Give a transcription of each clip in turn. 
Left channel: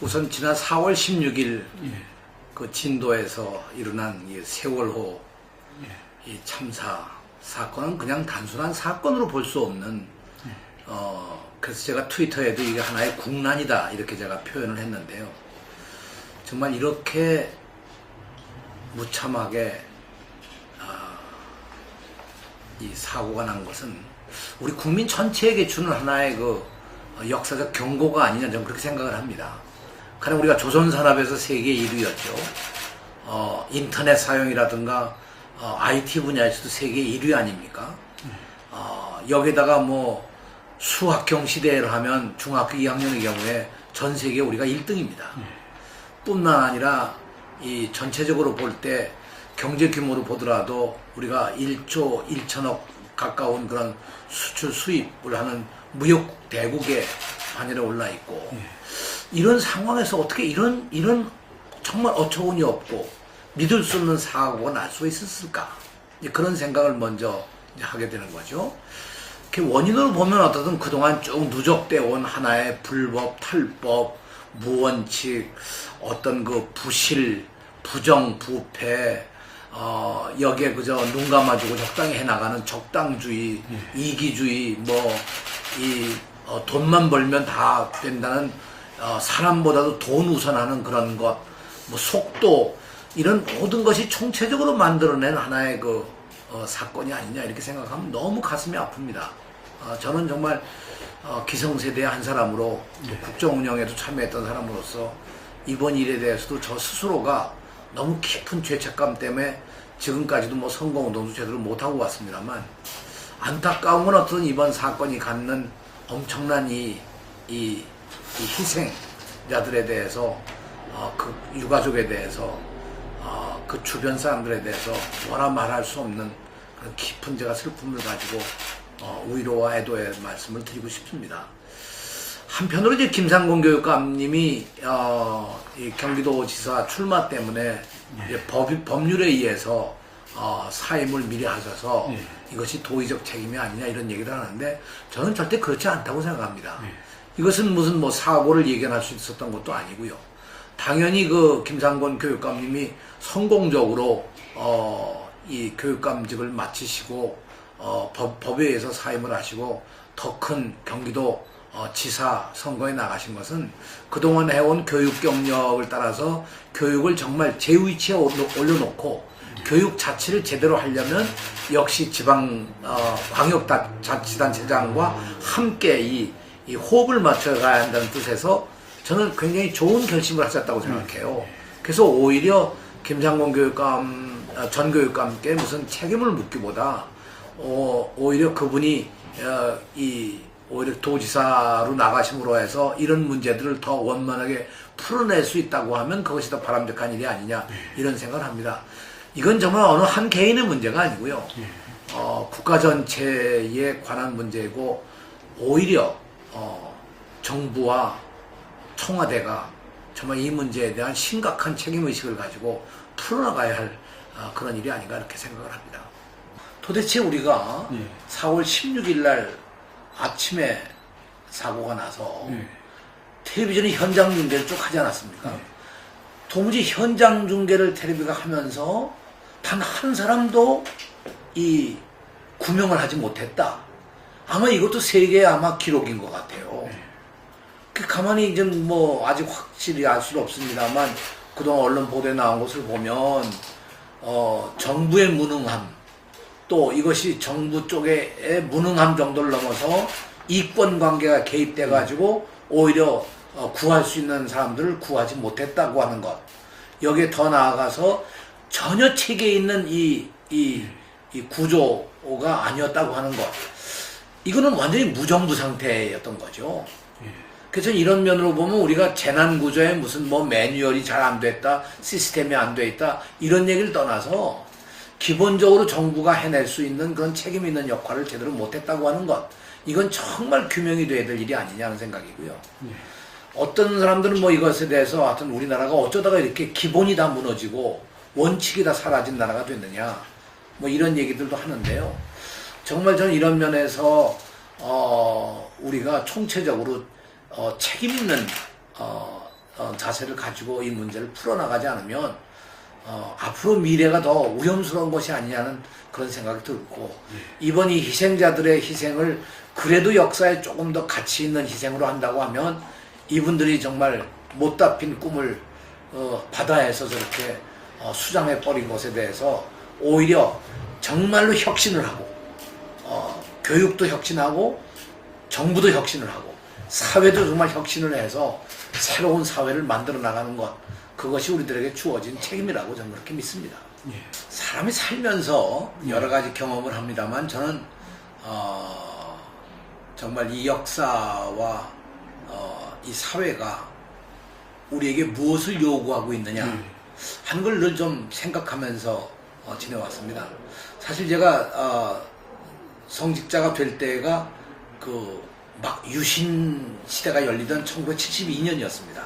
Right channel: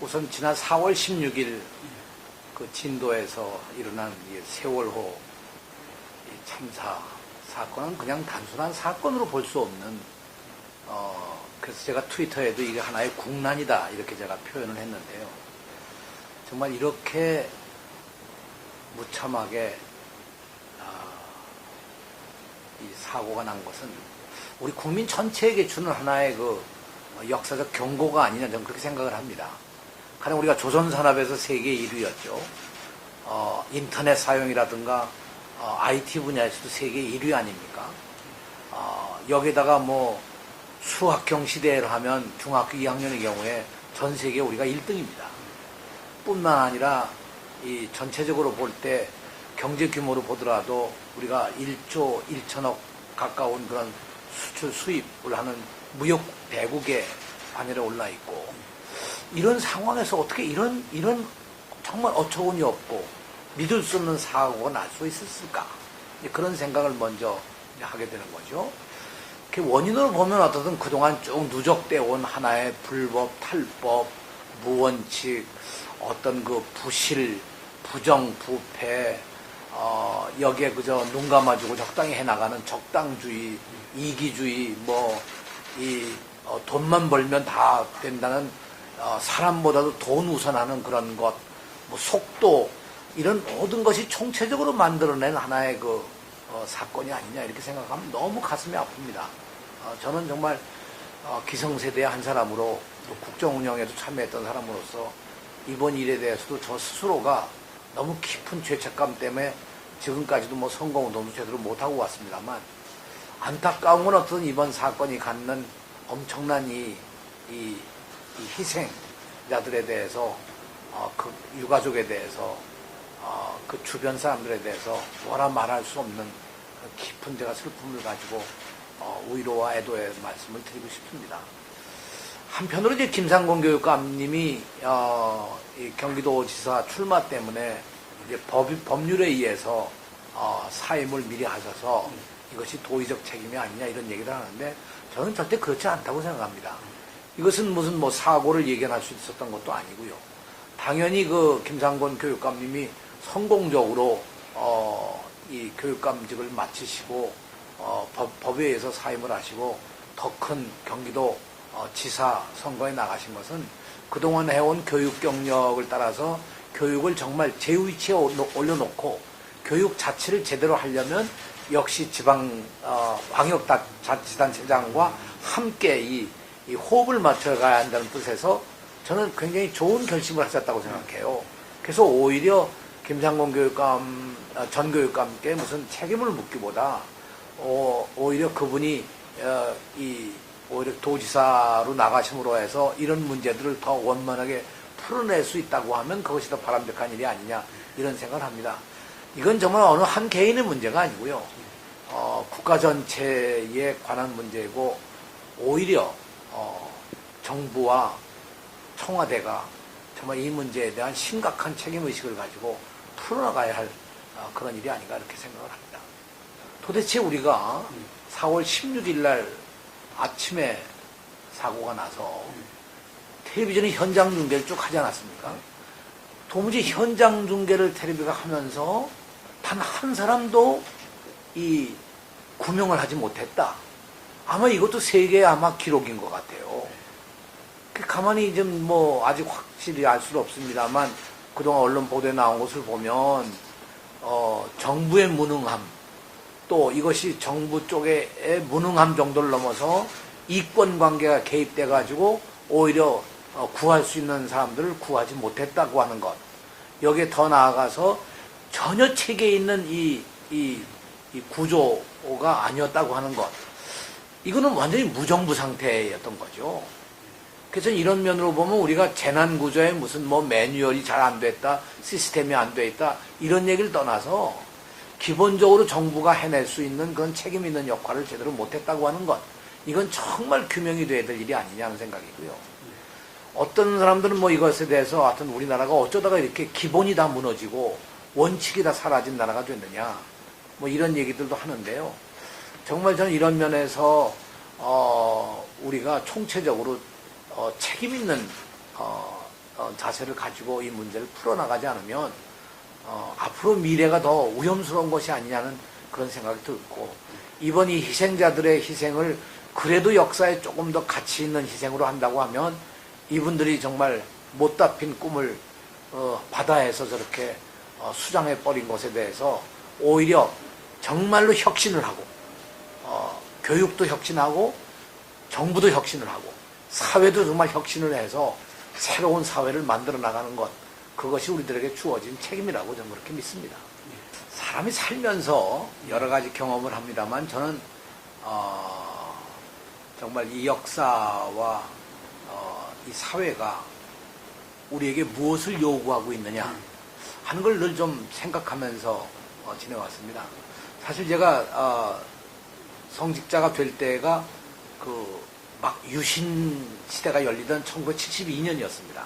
우선 지난 4월 16일 그 진도에서 일어난 이 세월호 이 참사 사건은 그냥 단순한 사건으로 볼 수 없는 그래서 제가 트위터에도 이게 하나의 국난이다 이렇게 제가 표현을 했는데요. 정말 이렇게 무참하게 이 사고가 난 것은 우리 국민 전체에게 주는 하나의 그 역사적 경고가 아니냐 저는 그렇게 생각을 합니다. 가령 우리가 조선산업에서 세계 1위였죠. 인터넷 사용이라든가 IT 분야에서도 세계 1위 아닙니까? 여기다가 뭐 수학경 시대를 하면 중학교 2학년의 경우에 전 세계 우리가 1등입니다. 뿐만 아니라 이 전체적으로 볼 때 경제 규모로 보더라도 우리가 1조 1천억 가까운 그런 수출 수입을 하는 무역 대국의 반열에 올라 있고 이런 상황에서 어떻게 이런 정말 어처구니 없고 믿을 수 없는 사고가 날 수 있었을까? 그런 생각을 먼저 하게 되는 거죠. 원인을 보면 어떻든 그동안 쭉 누적되어 온 하나의 불법, 탈법, 무원칙, 어떤 그 부실, 부정, 부패, 여기에 그저 눈 감아주고 적당히 해나가는 적당주의, 이기주의, 돈만 벌면 다 된다는, 사람보다도 돈 우선하는 그런 것, 속도, 이런 모든 것이 총체적으로 만들어낸 하나의 사건이 아니냐, 이렇게 생각하면 너무 가슴이 아픕니다. 저는 정말, 기성세대의 한 사람으로, 또 국정운영에도 참여했던 사람으로서, 이번 일에 대해서도 저 스스로가 너무 깊은 죄책감 때문에 지금까지도 선거운동도 제대로 못하고 왔습니다만 안타까운 건 어떤 이번 사건이 갖는 엄청난 이 희생자들에 대해서 그 유가족에 대해서 그 주변 사람들에 대해서 뭐라 말할 수 없는 그런 깊은 제가 슬픔을 가지고 위로와 애도의 말씀을 드리고 싶습니다. 한편으로 이제 김상곤 교육감님이 이 경기도지사 출마 때문에 이제 법률에 의해서 사임을 미리 하셔서 이것이 도의적 책임이 아니냐 이런 얘기를 하는데 저는 절대 그렇지 않다고 생각합니다. 이것은 무슨 사고를 예견할 수 있었던 것도 아니고요. 당연히 그 김상곤 교육감님이 성공적으로 이 교육감직을 마치시고 법에 의해서 사임을 하시고 더 큰 경기도 지사 선거에 나가신 것은 그동안 해온 교육 경력을 따라서 교육을 정말 제위치에 올려놓고 교육 자체를 제대로 하려면 역시 지방 광역자치단체장과 함께 이 호흡을 맞춰가야 한다는 뜻에서 저는 굉장히 좋은 결심을 하셨다고 생각해요. 그래서 오히려 김상곤 전 교육감께 무슨 책임을 묻기보다 오히려 그분이 오히려 도지사로 나가심으로 해서 이런 문제들을 더 원만하게 풀어낼 수 있다고 하면 그것이 더 바람직한 일이 아니냐 이런 생각을 합니다. 이건 정말 어느 한 개인의 문제가 아니고요. 국가 전체에 관한 문제이고 오히려 정부와 청와대가 정말 이 문제에 대한 심각한 책임의식을 가지고 풀어나가야 할 그런 일이 아닌가 이렇게 생각을 합니다. 도대체 우리가 4월 16일 날 아침에 사고가 나서 텔레비전이 현장 중계를 쭉 하지 않았습니까? 도무지 현장 중계를 텔레비가 하면서 단 한 사람도 이 구명을 하지 못했다. 아마 이것도 세계의 아마 기록인 것 같아요. 가만히 이제 아직 확실히 알 수는 없습니다만 그동안 언론 보도에 나온 것을 보면 정부의 무능함 또 이것이 정부 쪽의 무능함 정도를 넘어서 이권 관계가 개입돼 가지고 오히려 구할 수 있는 사람들을 구하지 못했다고 하는 것. 여기에 더 나아가서 전혀 체계에 있는 이 구조가 아니었다고 하는 것. 이거는 완전히 무정부 상태였던 거죠. 그래서 이런 면으로 보면 우리가 재난구조에 무슨 매뉴얼이 잘 안 됐다, 시스템이 안 돼 있다, 이런 얘기를 떠나서 기본적으로 정부가 해낼 수 있는 그런 책임 있는 역할을 제대로 못했다고 하는 것. 이건 정말 규명이 돼야 될 일이 아니냐는 생각이고요. 어떤 사람들은 이것에 대해서 하여튼 우리나라가 어쩌다가 이렇게 기본이 다 무너지고 원칙이 다 사라진 나라가 됐느냐. 이런 얘기들도 하는데요. 정말 저는 이런 면에서 우리가 총체적으로 책임 있는 자세를 가지고 이 문제를 풀어나가지 않으면 앞으로 미래가 더 위험스러운 것이 아니냐는 그런 생각이 들고 이번 이 희생자들의 희생을 그래도 역사에 조금 더 가치 있는 희생으로 한다고 하면 이분들이 정말 못다 핀 꿈을 바다에서 저렇게 수장해 버린 것에 대해서 오히려 정말로 혁신을 하고 교육도 혁신하고 정부도 혁신을 하고 사회도 정말 혁신을 해서 새로운 사회를 만들어 나가는 것 그것이 우리들에게 주어진 책임이라고 저는 그렇게 믿습니다. 사람이 살면서 여러 가지 경험을 합니다만 저는 정말 이 역사와 이 사회가 우리에게 무엇을 요구하고 있느냐 하는 걸 늘 좀 생각하면서 지내왔습니다. 사실 제가 성직자가 될 때가 막 유신 시대가 열리던 1972년이었습니다.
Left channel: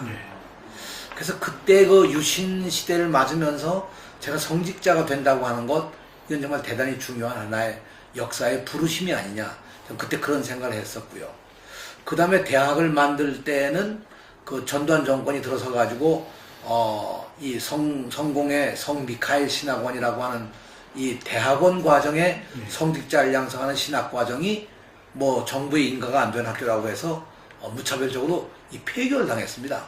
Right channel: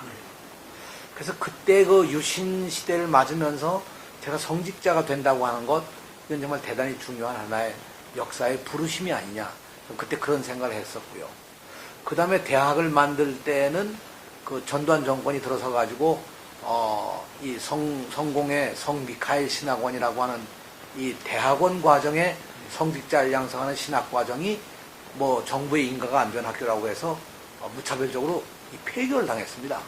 그래서 그때 그 유신 시대를 맞으면서 제가 성직자가 된다고 하는 것 이건 정말 대단히 중요한 하나의 역사의 부르심이 아니냐 그때 그런 생각을 했었고요. 그 다음에 대학을 만들 때는 그 전두환 정권이 들어서 가지고 이 성공의 성미카엘 신학원이라고 하는 이 대학원 과정에 성직자를 양성하는 신학 과정이 뭐 정부의 인가가 안 된 학교라고 해서 무차별적으로 이 폐교를 당했습니다.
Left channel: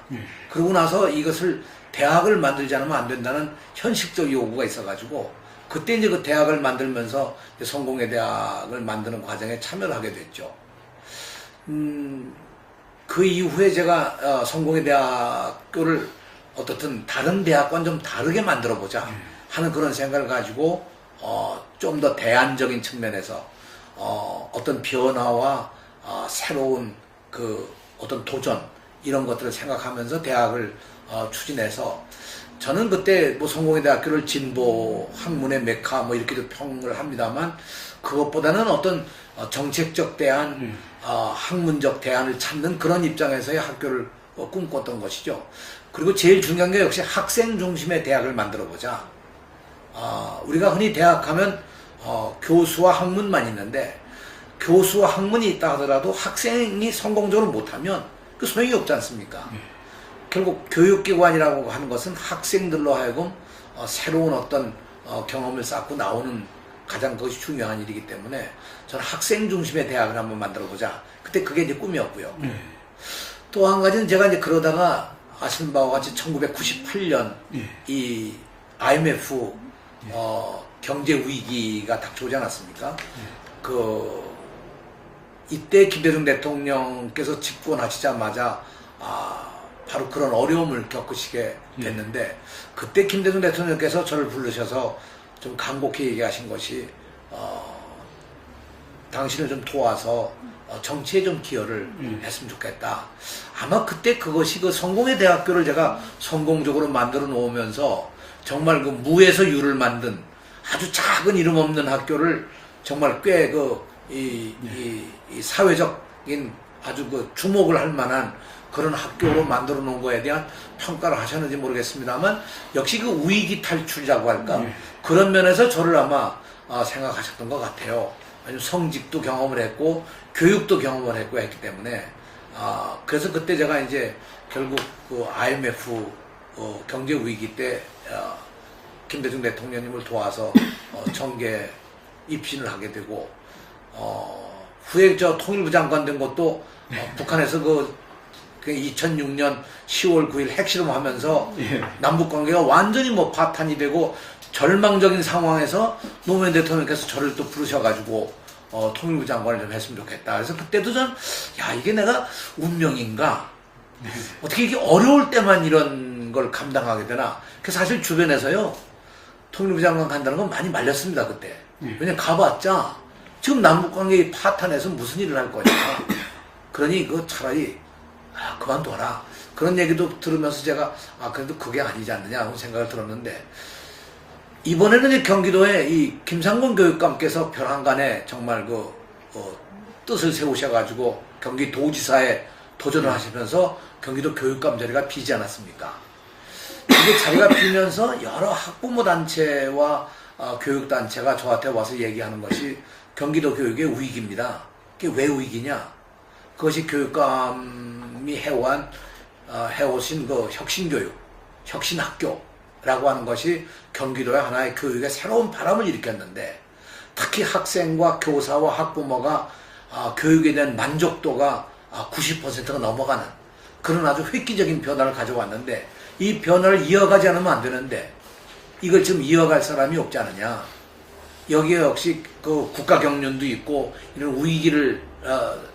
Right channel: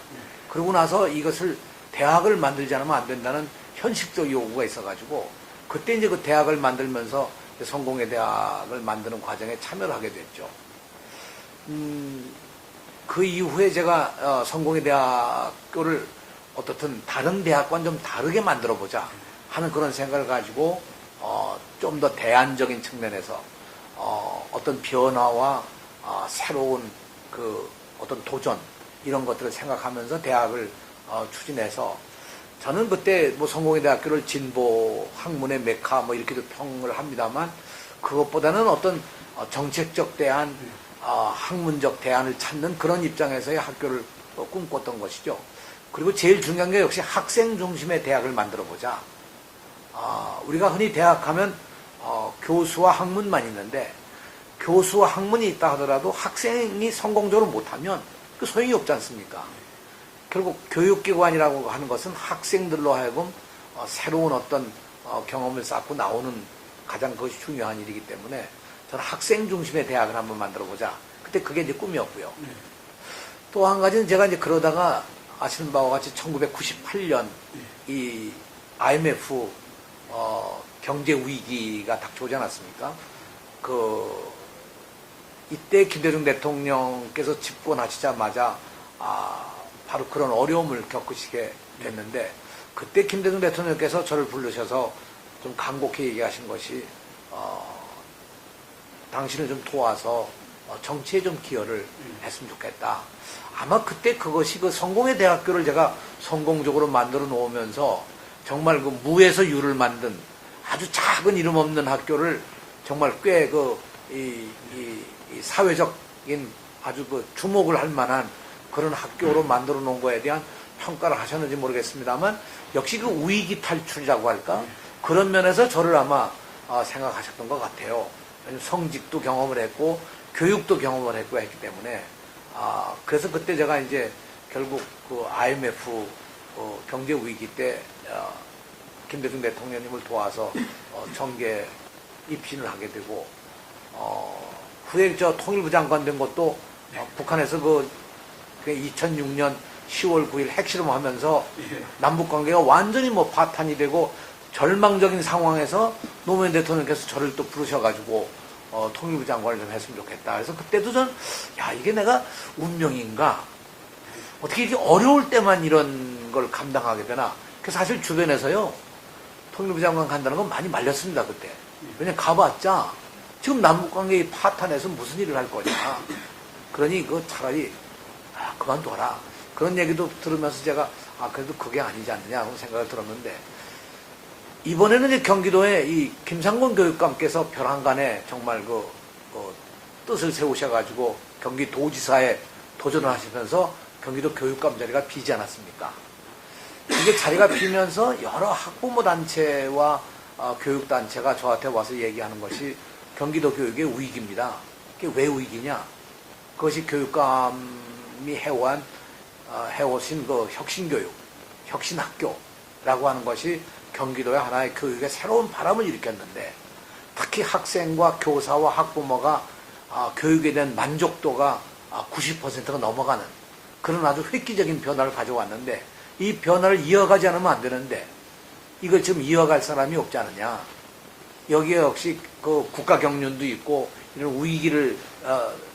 그러고 나서 이것을 대학을 만들지 않으면 안 된다는 현실적 요구가 있어가지고 그때 이제 그 대학을 만들면서 성공회 대학을 만드는 과정에 참여를 하게 됐죠. 그 이후에 제가 성공회 대학교를 어떻든 다른 대학과는 좀 다르게 만들어 보자 하는 그런 생각을 가지고 좀 더 대안적인 측면에서 어떤 변화와 새로운 그 어떤 도전 이런 것들을 생각하면서 대학을 추진해서 저는 그때 뭐 성공회 대학교를 진보 학문의 메카 뭐 이렇게도 평을 합니다만 그것보다는 어떤 정책적 대안, 학문적 대안을 찾는 그런 입장에서의 학교를 꿈꿨던 것이죠. 그리고 제일 중요한 게 역시 학생 중심의 대학을 만들어 보자. 우리가 흔히 대학 하면 교수와 학문만 있는데 교수와 학문이 있다 하더라도 학생이 성공적으로 못하면 그 소용이 없지 않습니까? 결국 교육기관이라고 하는 것은 학생들로 하여금 새로운 어떤 경험을 쌓고 나오는 가장 그것이 중요한 일이기 때문에 저는 학생 중심의 대학을 한번 만들어 보자. 그때 그게 이제 꿈이었고요. 또 한 가지는 제가 이제 그러다가 아시는 바와 같이 1998년 이 IMF 경제 위기가 닥쳐오지 않았습니까? 이때 김대중 대통령께서 집권하시자마자 바로 그런 어려움을 겪으시게 됐는데 그때 김대중 대통령께서 저를 부르셔서 좀 간곡히 얘기하신 것이 당신을 좀 도와서 정치에 좀 기여를 했으면 좋겠다. 아마 그때 그것이 그 성공회 대학교를 제가 성공적으로 만들어 놓으면서 정말 그 무에서 유를 만든 아주 작은 이름 없는 학교를 정말 꽤 이 사회적인 아주 그 주목을 할 만한 그런 학교로 만들어 놓은 거에 대한 평가를 하셨는지 모르겠습니다만 역시 그 위기 탈출이라고 할까 그런 면에서 저를 아마 생각하셨던 것 같아요. 왜냐면 성직도 경험을 했고 교육도 경험을 했고 했기 때문에 그래서 그때 제가 이제 결국 그 IMF 경제 위기 때 김대중 대통령님을 도와서 정계 입신을 하게 되고 후에 저 통일부 장관 된 것도 북한에서 그 2006년 10월 9일 핵실험하면서 남북관계가 완전히 뭐 파탄이 되고 절망적인 상황에서 노무현 대통령께서 저를 또 부르셔가지고 통일부 장관을 좀 했으면 좋겠다. 그래서 그때도 전 이게 내가 운명인가? 어떻게 이렇게 어려울 때만 이런 걸 감당하게 되나? 그래서 사실 주변에서요 통일부 장관 간다는 건 많이 말렸습니다 그때. 왜냐면 가봤자 지금 남북관계 파탄에서 무슨 일을 할 거냐. 그러니 그 차라리 그만둬라. 그런 얘기도 들으면서 제가 그래도 그게 아니지 않느냐 하고 생각을 들었는데 이번에는 이제 경기도에 이 김상곤 교육감께서 벼랑간에 정말 뜻을 세우셔가지고 경기도지사에 도전을 하시면서 경기도 교육감 자리가 비지 않았습니까? 이 자리가 비면서 여러 학부모 단체와 교육단체가 저한테 와서 얘기하는 것이 경기도 교육의 위기입니다. 그게 왜 위기냐? 그것이 교육감이 해오한 해오신 그 혁신교육, 혁신학교라고 하는 것이 경기도의 하나의 교육에 새로운 바람을 일으켰는데 특히 학생과 교사와 학부모가 교육에 대한 만족도가 90%가 넘어가는 그런 아주 획기적인 변화를 가져왔는데 이 변화를 이어가지 않으면 안 되는데 이걸 지금 이어갈 사람이 없지 않느냐. 여기에 역시 그 국가 경륜도 있고 이런 위기를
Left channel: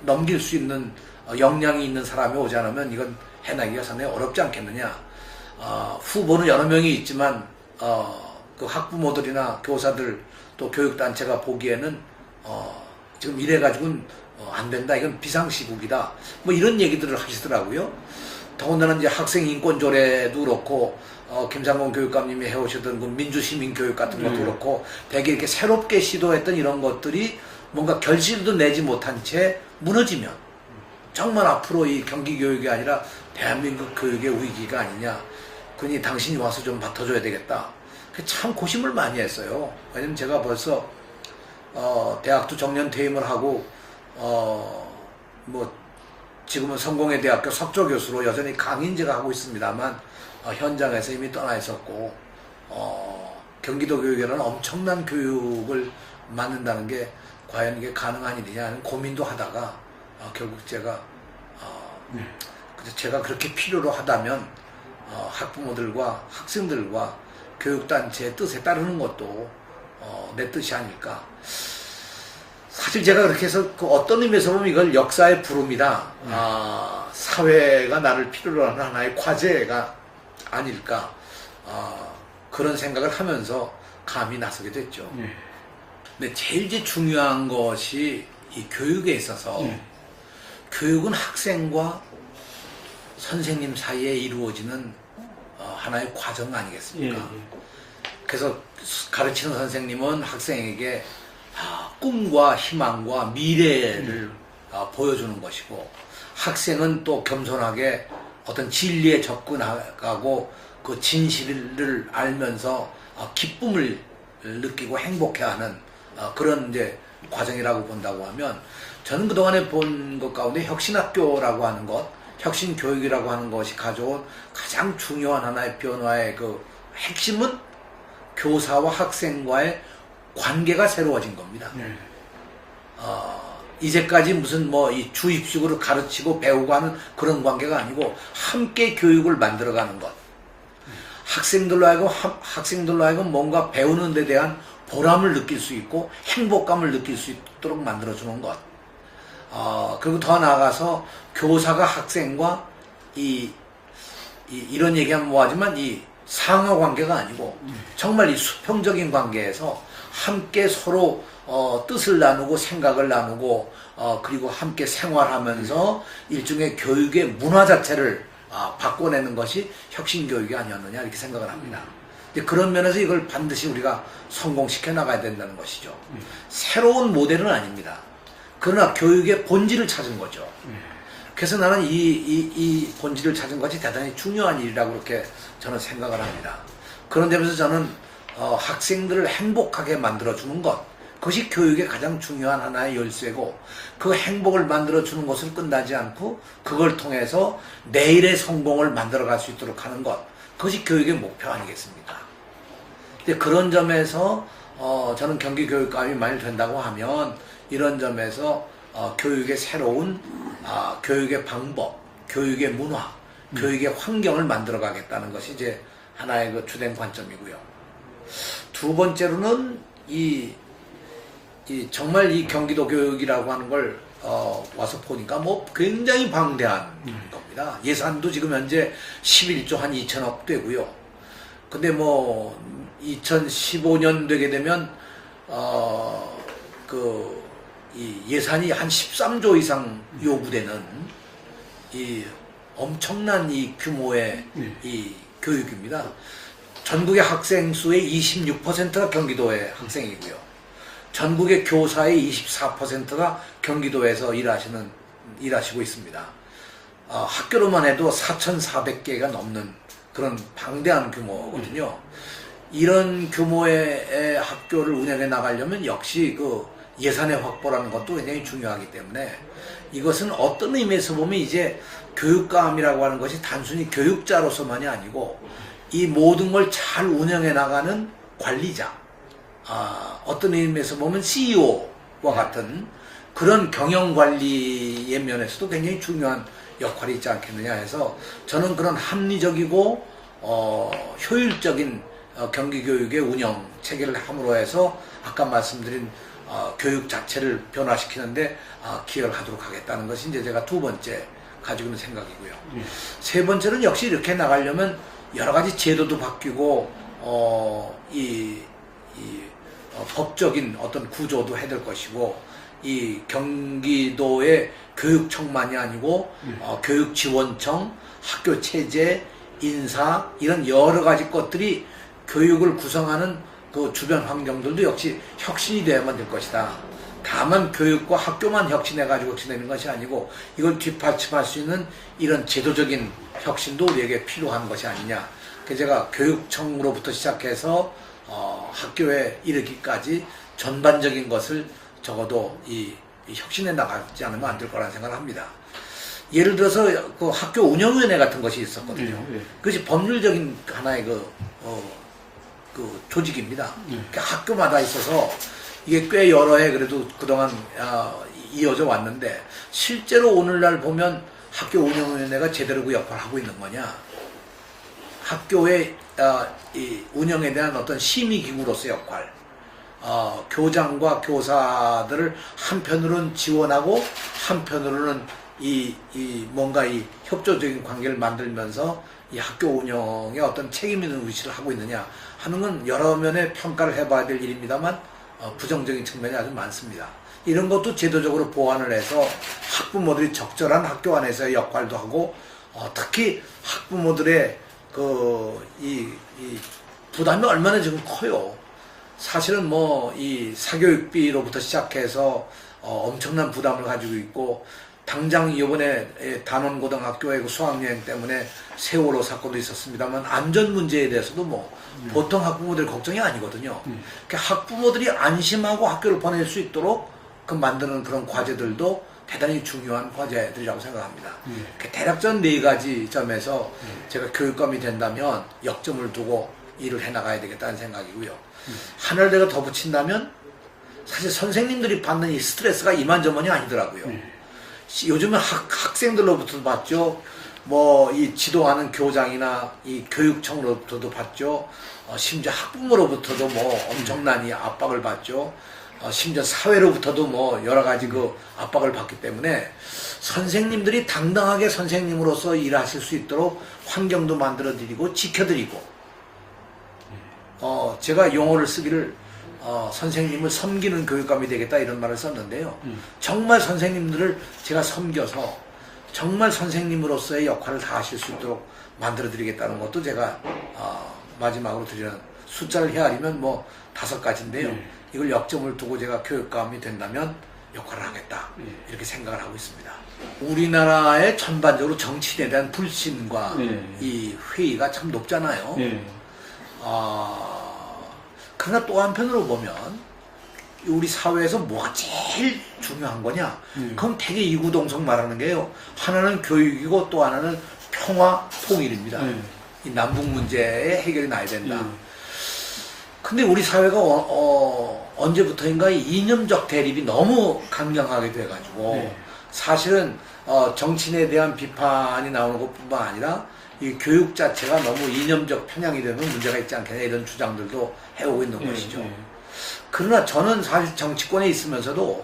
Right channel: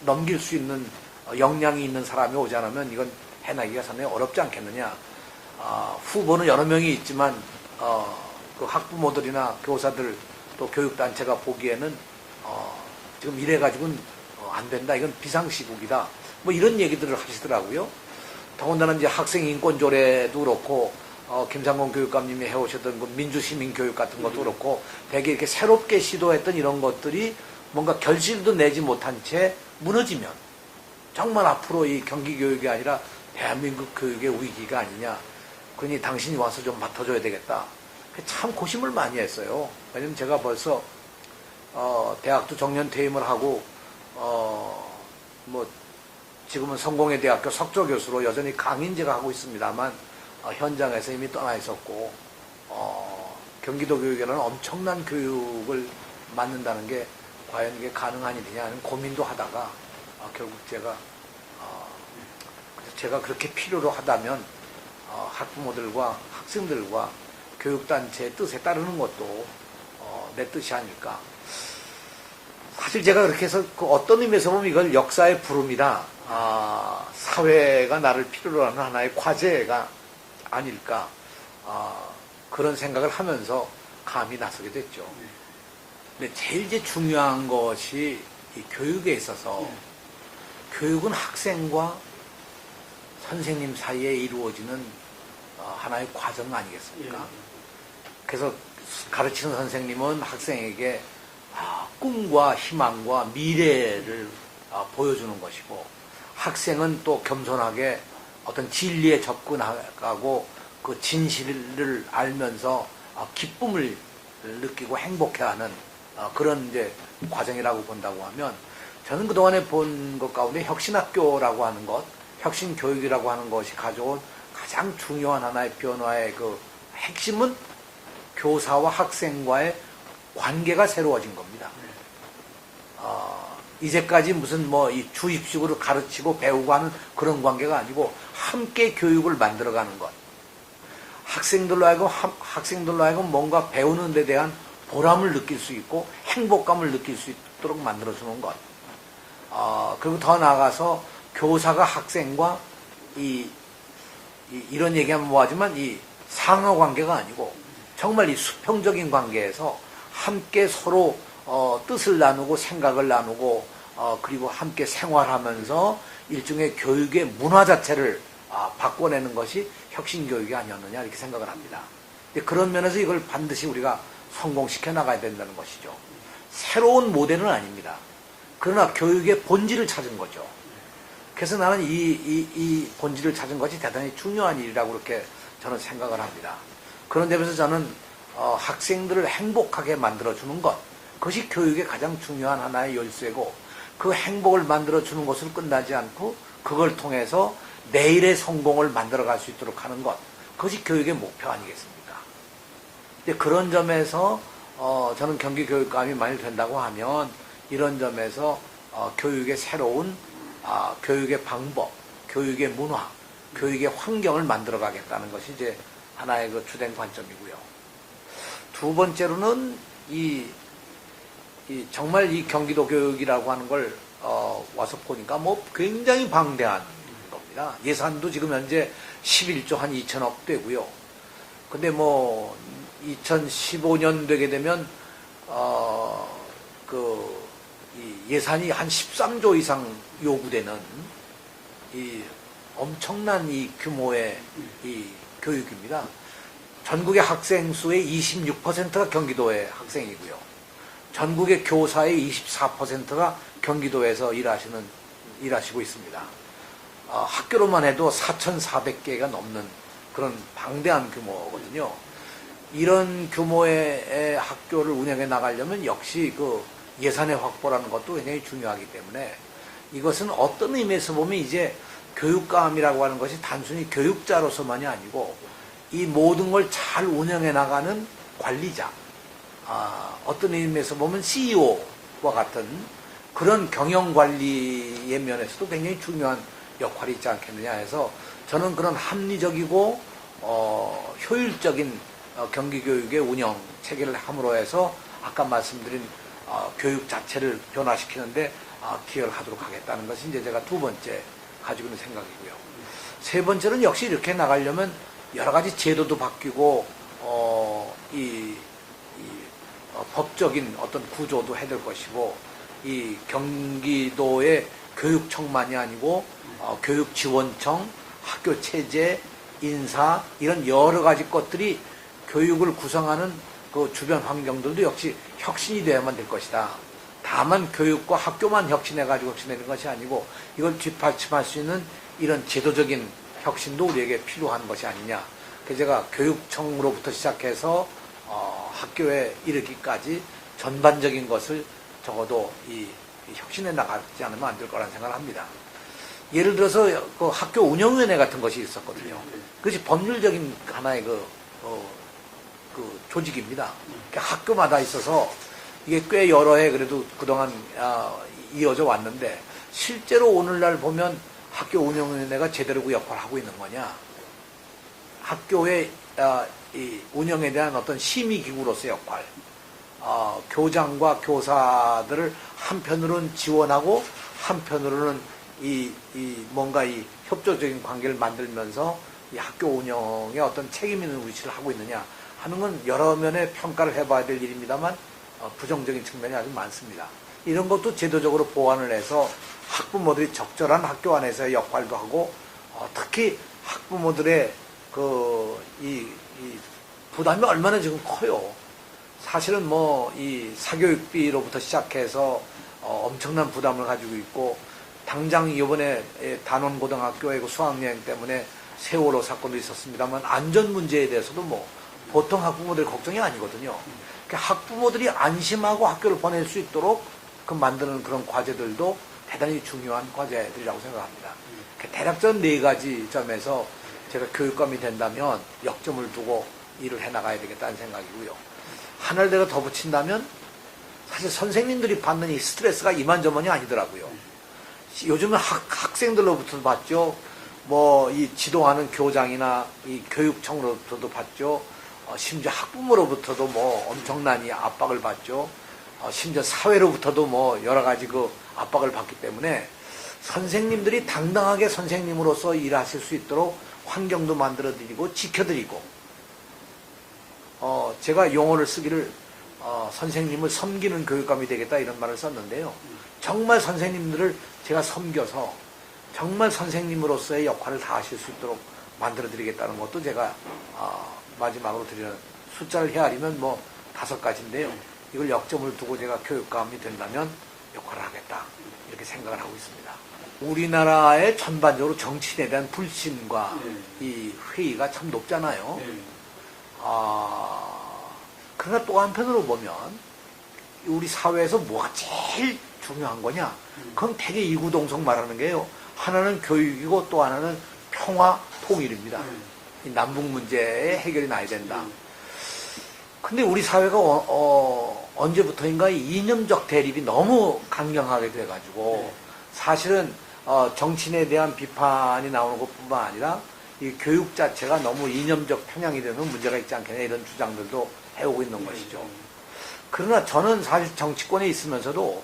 넘길 수 있는 역량이 있는 사람이 오지 않으면 이건 해내기가 상당히 어렵지 않겠느냐. 후보는 여러 명이 있지만 그 학부모들이나 교사들 또 교육단체가 보기에는 지금 이래가지고는 안 된다. 이건 비상시국이다. 뭐 이런 얘기들을 하시더라고요. 더군다나 이제 학생 인권조례도 그렇고 김상곤 교육감님이 해오셨던 그 민주시민교육 같은 것도 그렇고 되게 이렇게 새롭게 시도했던 이런 것들이 뭔가 결실도 내지 못한 채 무너지면 정말 앞으로 이 경기교육이 아니라 대한민국 교육의 위기가 아니냐. 그러니 당신이 와서 좀 맡아줘야 되겠다. 참 고심을 많이 했어요. 왜냐면 제가 벌써 대학도 정년 퇴임을 하고 뭐 지금은 성공회대학교 석조교수로 여전히 강의는 제가 하고 있습니다만 현장에서 이미 떠나 있었고 경기도 교육에는 엄청난 교육을 만든다는 게 과연 이게 가능한 일이냐 하는 고민도 하다가 결국 제가 그렇게 필요로 하다면 학부모들과 학생들과 교육단체의 뜻에 따르는 것도 내 뜻이 아닐까. 사실 제가 그렇게 해서 그 어떤 의미에서 보면 이걸 역사의 부름이다. 사회가 나를 필요로 하는 하나의 과제가 아닐까. 그런 생각을 하면서 감히 나서게 됐죠. 근데 제일 이제 중요한 것이 이 교육에 있어서 교육은 학생과 선생님 사이에 이루어지는 하나의 과정 아니겠습니까? 그래서 가르치는 선생님은 학생에게 꿈과 희망과 미래를 보여주는 것이고 학생은 또 겸손하게 어떤 진리에 접근하고 그 진실을 알면서 기쁨을 느끼고 행복해하는 그런 이제 과정이라고 본다고 하면 저는 그동안에 본 것 가운데 혁신학교라고 하는 것, 혁신교육이라고 하는 것이 가져온 가장 중요한 하나의 변화의 그 핵심은 교사와 학생과의 관계가 새로워진 겁니다. 이제까지 무슨 뭐 이 주입식으로 가르치고 배우고 하는 그런 관계가 아니고 함께 교육을 만들어가는 것. 학생들로 하여금 뭔가 배우는 데 대한 보람을 느낄 수 있고 행복감을 느낄 수 있도록 만들어주는 것. 그리고 더 나아가서 교사가 학생과 이런 얘기하면 뭐하지만 이 상하 관계가 아니고 정말 이 수평적인 관계에서 함께 서로 뜻을 나누고 생각을 나누고 그리고 함께 생활하면서 일종의 교육의 문화 자체를 바꿔내는 것이 혁신교육이 아니었느냐 이렇게 생각을 합니다. 그런 면에서 이걸 반드시 우리가 성공시켜 나가야 된다는 것이죠. 새로운 모델은 아닙니다. 그러나 교육의 본질을 찾은 거죠. 그래서 나는 이 본질을 찾은 것이 대단히 중요한 일이라고 그렇게 저는 생각을 합니다. 그런 데면서 저는 학생들을 행복하게 만들어주는 것, 그것이 교육의 가장 중요한 하나의 열쇠고 그 행복을 만들어주는 것으로 끝나지 않고 그걸 통해서 내일의 성공을 만들어갈 수 있도록 하는 것, 그것이 교육의 목표 아니겠습니까? 그런 점에서 저는 경기교육감이 만일 된다고 하면 이런 점에서 교육의 새로운 교육의 방법, 교육의 문화, 교육의 환경을 만들어가겠다는 것이 이제 하나의 그 주된 관점이고요. 두 번째로는 정말 이 경기도 교육이라고 하는 걸 와서 보니까 뭐 굉장히 방대한 겁니다. 예산도 지금 현재 11조 한 2천억 되고요. 근데 뭐 2015년 되게 되면 이 예산이 한 13조 이상 요구되는 이 엄청난 이 규모의 이 교육입니다. 전국의 학생 수의 26%가 경기도의 학생이고요. 전국의 교사의 24%가 경기도에서 일하시고 있습니다. 학교로만 해도 4,400개가 넘는 그런 방대한 규모거든요. 이런 규모의 학교를 운영해 나가려면 역시 그 예산의 확보라는 것도 굉장히 중요하기 때문에 이것은 어떤 의미에서 보면 이제 교육감이라고 하는 것이 단순히 교육자로서만이 아니고 이 모든 걸 잘 운영해 나가는 관리자, 어떤 의미에서 보면 CEO와 같은 그런 경영관리의 면에서도 굉장히 중요한 역할이 있지 않겠느냐 해서 저는 그런 합리적이고 효율적인 경기교육의 운영 체계를 함으로 해서 아까 말씀드린 교육 자체를 변화시키는데 기여를 하도록 하겠다는 것이 이제 제가 두 번째 가지고 있는 생각이고요. 세 번째는 역시 이렇게 나가려면 여러 가지 제도도 바뀌고 법적인 어떤 구조도 해야 될 것이고 이 경기도의 교육청만이 아니고 교육지원청, 학교체제, 인사 이런 여러 가지 것들이 교육을 구성하는 그 주변 환경들도 역시 혁신이 되어야만 될 것이다. 다만 교육과 학교만 혁신해가지고 혁신되는 것이 아니고 이걸 뒷받침할 수 있는 이런 제도적인 혁신도 우리에게 필요한 것이 아니냐. 그래서 제가 교육청으로부터 시작해서 학교에 이르기까지 전반적인 것을 적어도 이 혁신해 나가지 않으면 안 될 거라는 생각을 합니다. 예를 들어서 그 학교 운영위원회 같은 것이 있었거든요. 그것이 법률적인 하나의 그 조직입니다. 그러니까 학교마다 있어서 이게 꽤 여러 해 그래도 그동안 이어져 왔는데 실제로 오늘날 보면 학교 운영위원회가 제대로 그 역할을 하고 있는 거냐? 학교의 이 운영에 대한 어떤 심의기구로서의 역할, 교장과 교사들을 한편으로는 지원하고 한편으로는 뭔가 이 협조적인 관계를 만들면서 이 학교 운영에 어떤 책임 있는 위치를 하고 있느냐 하는 건 여러 면의 평가를 해봐야 될 일입니다만 부정적인 측면이 아주 많습니다. 이런 것도 제도적으로 보완을 해서 학부모들이 적절한 학교 안에서의 역할도 하고 특히 학부모들의 이 부담이 얼마나 지금 커요. 사실은 뭐 이 사교육비로부터 시작해서 엄청난 부담을 가지고 있고 당장 이번에 단원고등학교의 그 수학여행 때문에 세월호 사건도 있었습니다만 안전 문제에 대해서도 뭐 보통 학부모들 걱정이 아니거든요. 그러니까 학부모들이 안심하고 학교를 보낼 수 있도록 만드는 그런 과제들도 대단히 중요한 과제들이라고 생각합니다. 대략적인 네 가지 점에서 제가 교육감이 된다면 역점을 두고 일을 해나가야 되겠다는 생각이고요. 하나를 내가 더 붙인다면 사실 선생님들이 받는 이 스트레스가 이만저만이 아니더라고요. 요즘은 학생들로부터 받죠. 뭐 이 지도하는 교장이나 이 교육청으로부터도 받죠. 심지어 학부모로부터도 뭐 엄청난 이 압박을 받죠. 심지어 사회로부터도 뭐 여러 가지 그 압박을 받기 때문에 선생님들이 당당하게 선생님으로서 일하실 수 있도록 환경도 만들어 드리고 지켜드리고 제가 용어를 쓰기를 선생님을 섬기는 교육감이 되겠다 이런 말을 썼는데요. 정말 선생님들을 제가 섬겨서 정말 선생님으로서의 역할을 다 하실 수 있도록 만들어 드리겠다는 것도 제가 마지막으로 드리는 숫자를 헤아리면 뭐 5가지인데요. 이걸 역점을 두고 제가 교육감이 된다면 역할을 하겠다 이렇게 생각을 하고 있습니다. 우리나라의 전반적으로 정치인에 대한 불신과 이 회의가 참 높잖아요. 그러나 또 한편으로 보면 우리 사회에서 뭐가 제일 중요한 거냐? 그럼 되게 이구동성 말하는 게요. 하나는 교육이고 또 하나는 평화, 통일입니다. 이 남북 문제의 해결이 나야 된다. 근데 우리 사회가 언제부터인가 이념적 대립이 너무 강경하게 돼가지고 사실은 정치인에 대한 비판이 나오는 것뿐만 아니라 이 교육 자체가 너무 이념적 편향이 되면 문제가 있지 않겠냐 이런 주장들도 해오고 있는 것이죠. 그러나 저는 사실 정치권에 있으면서도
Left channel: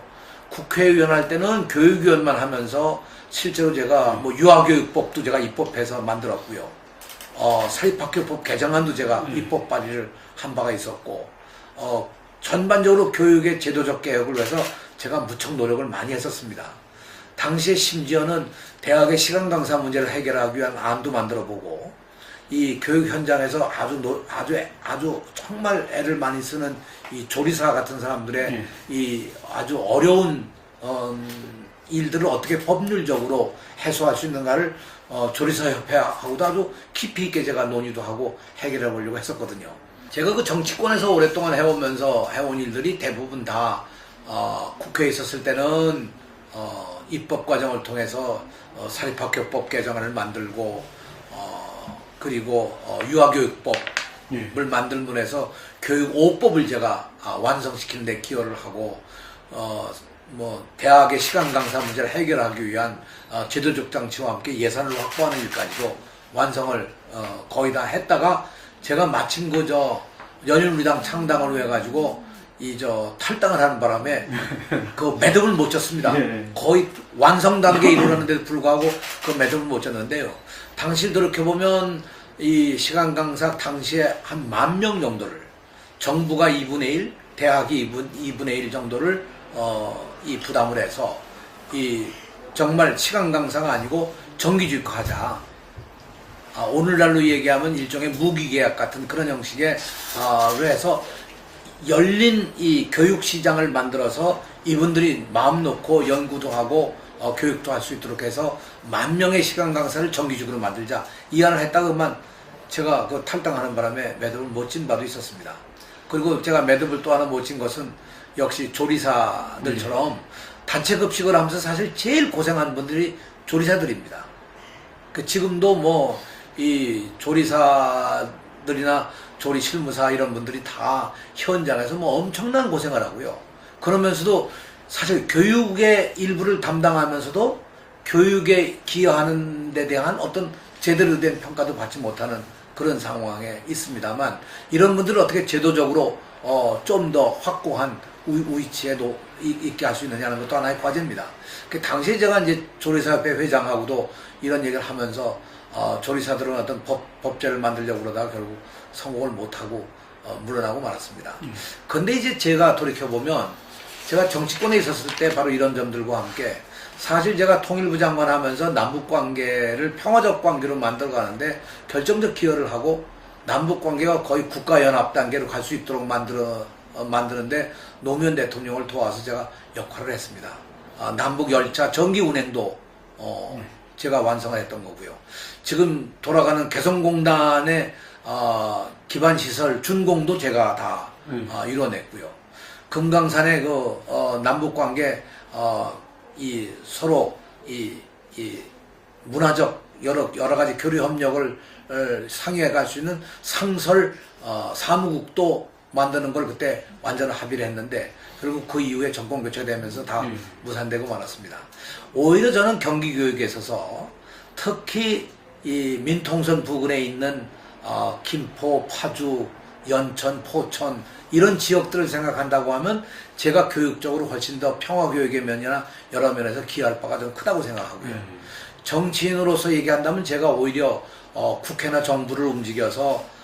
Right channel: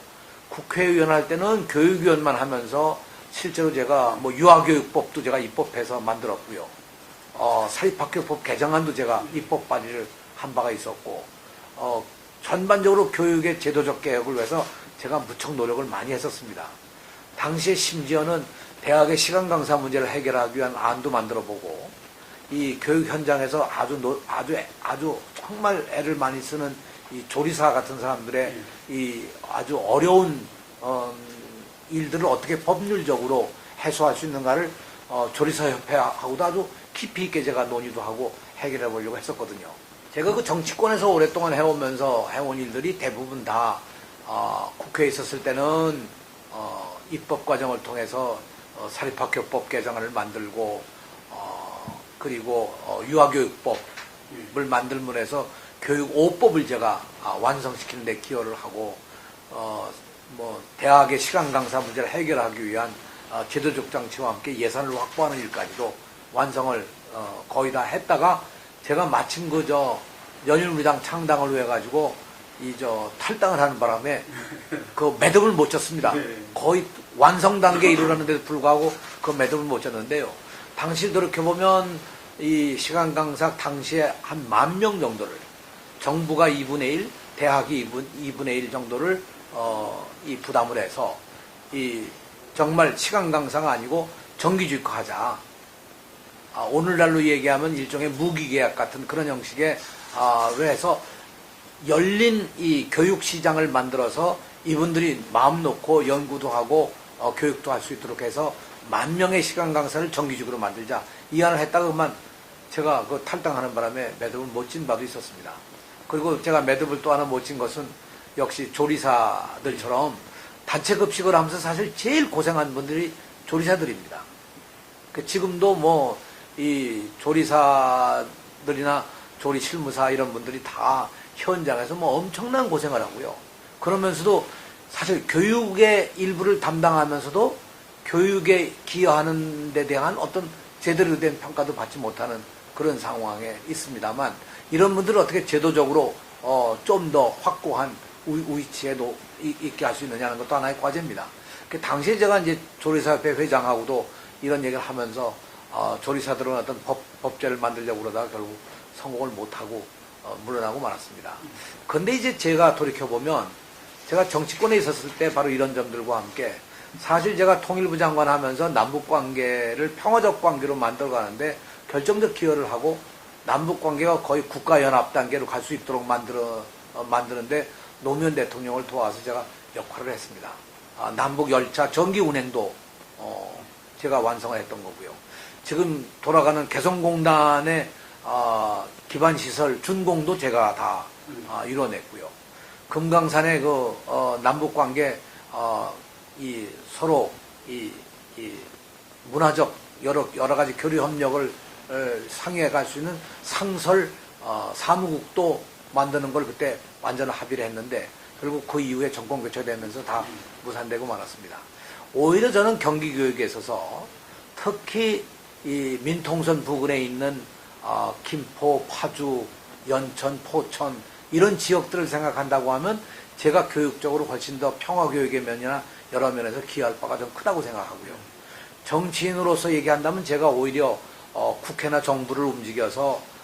국회의원 할 때는 교육위원만 하면서 실제로 제가 뭐 유아교육법도 제가 입법해서 만들었고요. 사립학교법 개정안도 제가 입법 발의를 한 바가 있었고 전반적으로 교육의 제도적 개혁을 위해서 제가 무척 노력을 많이 했었습니다. 당시에 심지어는 대학의 시간 강사 문제를 해결하기 위한 안도 만들어보고 이 교육 현장에서 아주 정말 애를 많이 쓰는 이 조리사 같은 사람들의 이 아주 어려운 일들을 어떻게 법률적으로 해소할 수 있는가를 조리사협회하고도 아주 깊이 있게 제가 논의도 하고 해결해 보려고 했었거든요. 제가 그 정치권에서 오랫동안 해오면서 해온 일들이 대부분 다 국회에 있었을 때는 입법 과정을 통해서 사립학교법 개정안을 만들고 그리고 유아교육법을 만들면서 교육 5법을 제가 완성시키는 데 기여를 하고 뭐 대학의 시간 강사 문제를 해결하기 위한 제도적 장치와 함께 예산을 확보하는 일까지도 완성을 거의 다 했다가 제가 마침 연일우리당 창당을 해가지고 탈당을 하는 바람에 그 매듭을 못 쳤습니다. 거의 완성 단계에 이르렀는데도 불구하고 그 매듭을 못 쳤는데요. 당시 돌이켜보면 이 시간 강사 당시에 한 10,000명 정도를 정부가 2분의 1, 대학이 2분의 1 정도를 이 부담을 해서 정말 시간 강사가 아니고 정기주입하자. 오늘날로 얘기하면 일종의 무기계약 같은 그런 형식의 해서 열린 이 교육시장을 만들어서 이분들이 마음 놓고 연구도 하고 교육도 할 수 있도록 해서 10,000명의 시간 강사를 정기적으로 만들자. 이 안을 했다가만 제가 그 탈당하는 바람에 매듭을 못 진 바도 있었습니다. 그리고 제가 매듭을 또 하나 못 진 것은 역시 조리사들처럼 단체 급식을 하면서 사실 제일 고생한 분들이 조리사들입니다. 지금도 이 조리사들이나 조리실무사 이런 분들이 다 현장에서 엄청난 고생을 하고요. 그러면서도 사실 교육의 일부를 담당하면서도 교육에 기여하는 데 대한 어떤 제대로 된 평가도 받지 못하는 그런 상황에 있습니다만 이런 분들을 어떻게 제도적으로 좀 더 확고한 위치에 있게 할 수 있느냐는 것도 하나의 과제입니다. 당시에 제가 이제 조리사협회 회장하고도 이런 얘기를 하면서 조리사들은 어떤 법제를 만들려고 그러다가 결국 성공을 못하고 물러나고 말았습니다. 근데 이제 제가 돌이켜보면 제가 정치권에 있었을 때 바로 이런 점들과 함께 사실 제가 통일부 장관 하면서 남북관계를 평화적 관계로 만들어가는데 결정적 기여를 하고 남북관계가 거의 국가연합 단계로 갈 수 있도록 만드는데 노무현 대통령을 도와서 제가 역할을 했습니다. 남북 열차 전기 운행도 제가 완성을 했던 거고요. 지금 돌아가는 개성공단의 기반시설 준공도 제가 다 이뤄냈고요. 금강산의 남북관계 서로 문화적 여러 가지 교류 협력을 상의해 갈 수 있는 상설 사무국도 만드는 걸 그때 완전 합의를 했는데 결국 그 이후에 정권 교체되면서 다 무산되고 말았습니다. 오히려 저는 경기교육에 있어서 특히 이 민통선 부근에 있는 김포, 파주, 연천, 포천 이런 지역들을 생각한다고 하면 제가 교육적으로 훨씬 더 평화교육의 면이나 여러 면에서 기여할 바가 좀 크다고 생각하고요. 정치인으로서 얘기한다면 제가 오히려 국회나 정부를 움직여서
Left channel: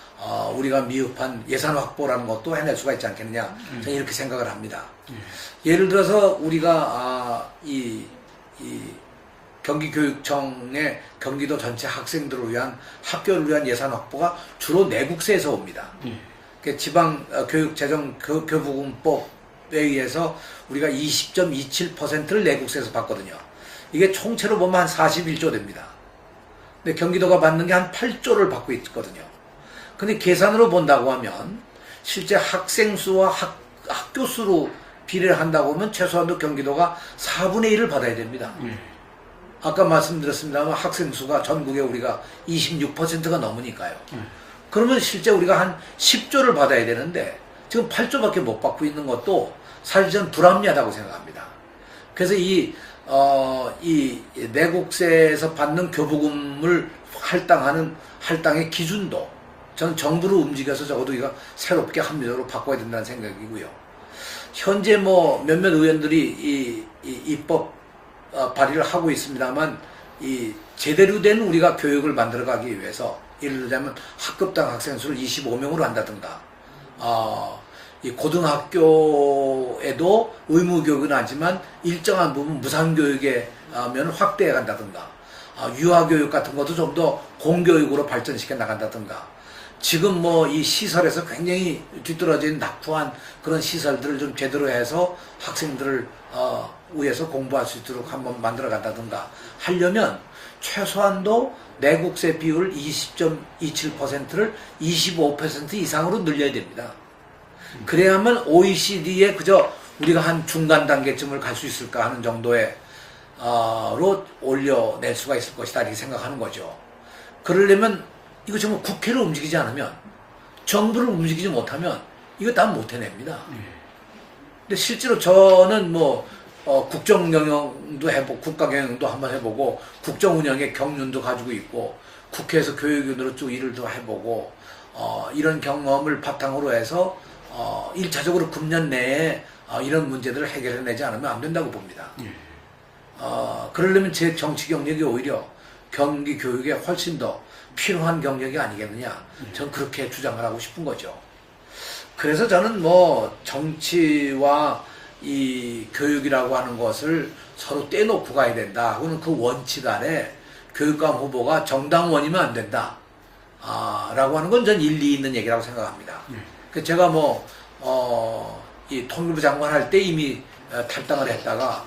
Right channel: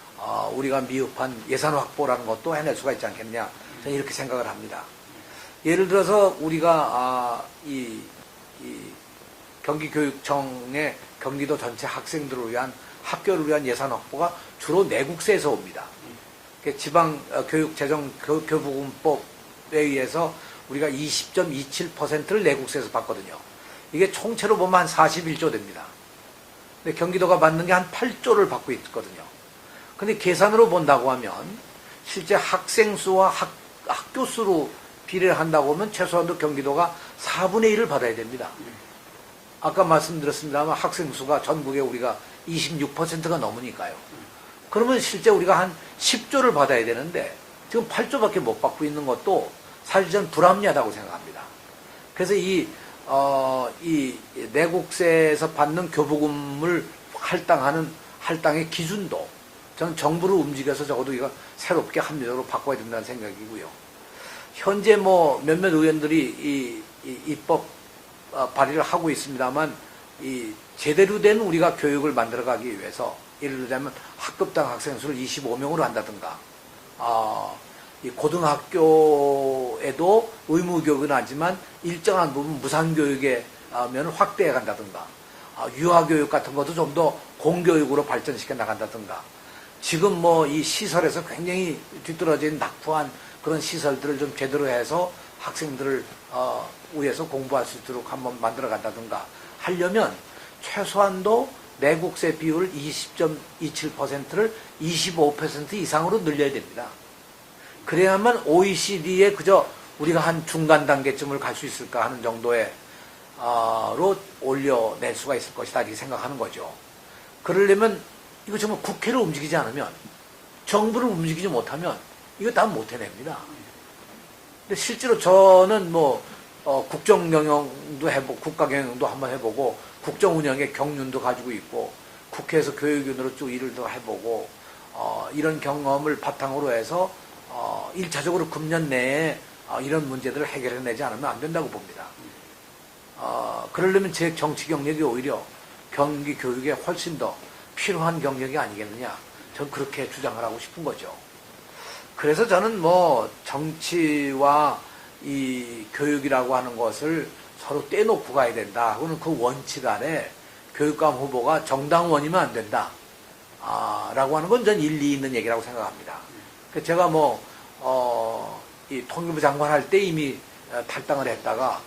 우리가 미흡한 예산 확보라는 것도 해낼 수가 있지 않겠느냐 저는 이렇게 생각을 합니다. 예를 들어서 우리가 이 경기교육청의 경기도 전체 학생들을 위한 학교를 위한 예산 확보가 주로 내국세에서 옵니다. 지방교육재정교부금법에 의해서 우리가 20.27%를 내국세에서 받거든요. 이게 총체로 보면 한 41조 됩니다. 근데 경기도가 받는 게 한 8조를 받고 있거든요. 근데 계산으로 본다고 하면 실제 학생 수와 학교 수로 비례를 한다고 하면 최소한도 경기도가 4분의 1을 받아야 됩니다. 아까 말씀드렸습니다만 학생 수가 전국에 우리가 26%가 넘으니까요. 그러면 실제 우리가 한 10조를 받아야 되는데 지금 8조밖에 못 받고 있는 것도 사실 저는 불합리하다고 생각합니다. 그래서 이 내국세에서 받는 교부금을 할당의 기준도 저는 정부를 움직여서 적어도 이거 새롭게 합리적으로 바꿔야 된다는 생각이고요. 현재 몇몇 의원들이 입법 발의를 하고 있습니다만 제대로 된 우리가 교육을 만들어가기 위해서 예를 들자면 학급당 학생 수를 25명으로 한다든가 이 고등학교에도 의무교육은 하지만 일정한 부분 무상교육의 면을 확대해 간다든가 유아교육 같은 것도 좀 더 공교육으로 발전시켜 나간다든가 지금 이 시설에서 굉장히 뒤떨어진 낙후한 그런 시설들을 좀 제대로 해서 학생들을 위해서 공부할 수 있도록 한번 만들어 간다든가 하려면 최소한도 내국세 비율 20.27%를 25% 이상으로 늘려야 됩니다. 그래야만 OECD에 그저 우리가 한 중간 단계쯤을 갈 수 있을까 하는 정도의 로 올려낼 수가 있을 것이다 이렇게 생각하는 거죠. 그러려면 이거 정말 국회를 움직이지 않으면 정부를 움직이지 못하면 이거 다 못 해냅니다. 근데 실제로 저는 뭐 국정 경영도 해보고 국가 경영도 한번 해보고 국정 운영의 경륜도 가지고 있고 국회에서 교육위원으로 쭉 일을 더 해보고 이런 경험을 바탕으로 해서 1차적으로 금년 내에 이런 문제들을 해결해내지 않으면 안 된다고 봅니다. 그러려면 제 정치 경력이 오히려 경기 교육에 훨씬 더 필요한 경력이 아니겠느냐. 전 그렇게 주장을 하고 싶은 거죠. 그래서 저는 뭐 정치와 이 교육이라고 하는 것을 서로 떼놓고 가야 된다. 그건 그 원칙 아래 교육감 후보가 정당원이면 안 된다. 라고 하는 건 전 일리 있는 얘기라고 생각합니다. 제가 이 통일부 장관 할 때 이미 탈당을 했다가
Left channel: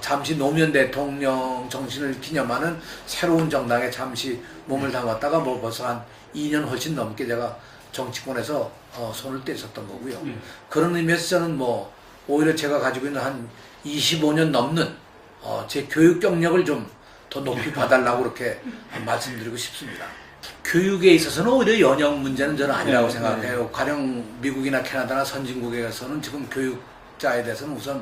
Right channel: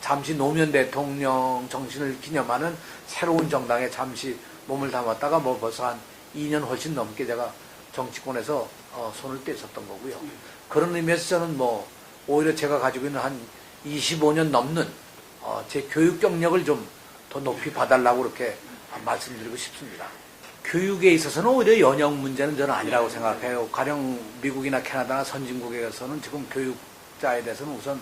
잠시 노무현 대통령 정신을 기념하는 새로운 정당에 잠시 몸을 담았다가 뭐 벌써 한 2년 훨씬 넘게 제가 정치권에서 손을 떼었던 거고요. 그런 의미에서 저는 뭐 오히려 제가 가지고 있는 한 25년 넘는 제 교육 경력을 좀 더 높이 봐달라고 그렇게 말씀드리고 싶습니다. 교육에 있어서는 오히려 연령 문제는 저는 아니라고 생각해요. 가령 미국이나 캐나다나 선진국에서는 지금 교육자에 대해서는 우선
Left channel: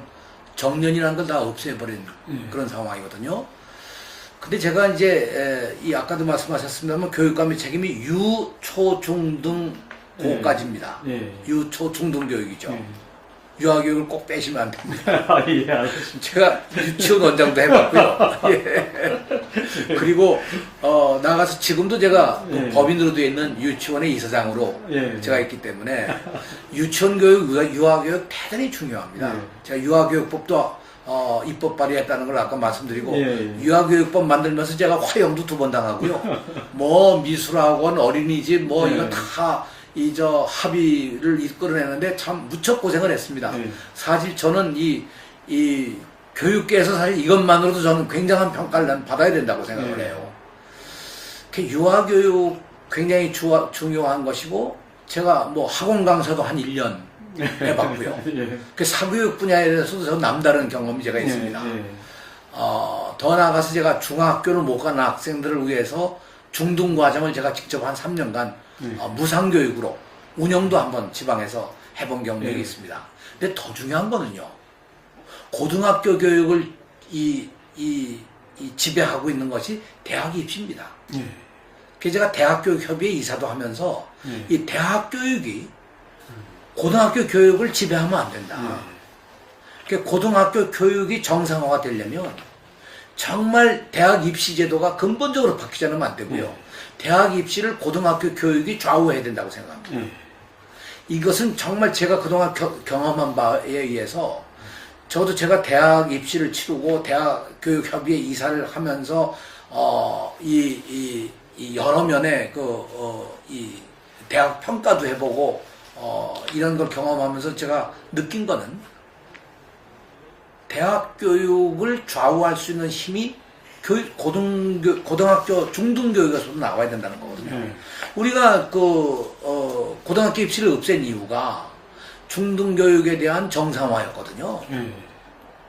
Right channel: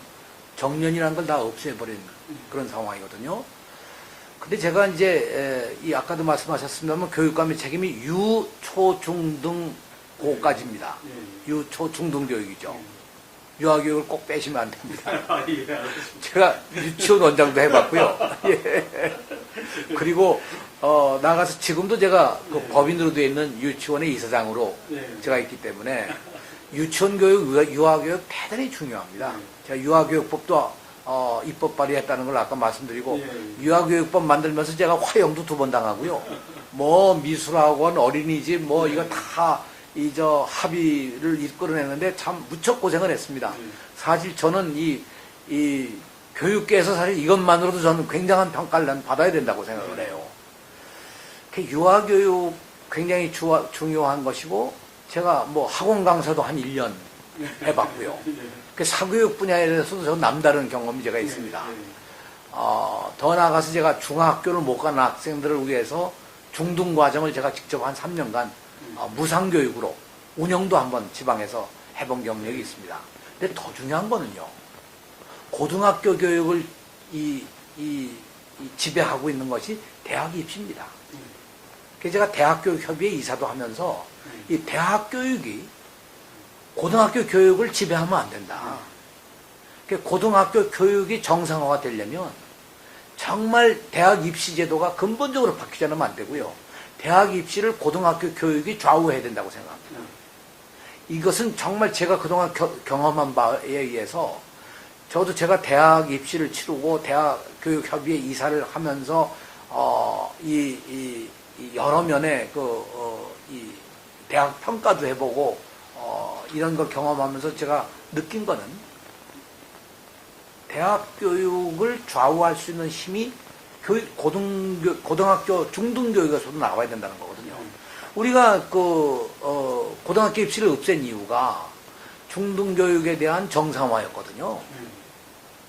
정년이라는 걸 다 없애버린 그런 상황이거든요. 근데 제가 이제 아까도 말씀하셨습니다만 교육감의 책임이 유, 초, 중, 등 고까지입니다. 유, 초, 중, 등 교육이죠. 유아교육을 꼭 빼시면 안 됩니다. 예, 알겠습니다. 제가 유치원 원장도 해봤고요. 예. 그리고 나가서 지금도 제가 법인으로 되어 있는 유치원의 이사장으로 제가 있기 때문에 유치원 교육, 유아교육 대단히 중요합니다. 제가 유아교육법도 입법 발의했다는 걸 아까 말씀드리고 유아교육법 만들면서 제가 화형도 2번 당하고요. 뭐 미술학원, 어린이집 뭐 이거 다 합의를 이끌어내는데 참 무척 고생을 했습니다. 사실 저는 이 교육계에서 사실 이것만으로도 저는 굉장한 평가를 받아야 된다고 생각을 해요. 유아교육 굉장히 중요한 것이고 제가 뭐 학원 강사도 한 1년 해봤고요. 사교육 분야에 대해서도 저는 남다른 경험이 제가 있습니다. 더 나아가서 제가 중학교를 못 가는 학생들을 위해서 중등과정을 제가 직접 한 3년간 무상교육으로 운영도 한번 지방에서 해본 경력이 있습니다. 근데 더 중요한 거는요. 고등학교 교육을 지배하고 있는 것이 대학 입시입니다. 그래서 제가 대학교육협의회 이사도 하면서 이 대학교육이 고등학교 교육을 지배하면 안 된다. 고등학교 교육이 정상화가 되려면 정말 대학 입시 제도가 근본적으로 바뀌지 않으면 안 되고요. 대학 입시를 고등학교 교육이 좌우해야 된다고 생각합니다. 이것은 정말 제가 그동안 경험한 바에 의해서 저도 제가 대학 입시를 치르고 대학교육협의회 이사를 하면서 여러 면의 이 대학 평가도 해보고 이런 걸 경험하면서 제가 느낀 거는 대학 교육을 좌우할 수 있는 힘이 고등학교 중등교육에서도 나와야 된다는 거거든요. 우리가 고등학교 입시를 없앤 이유가 중등교육에 대한 정상화였거든요.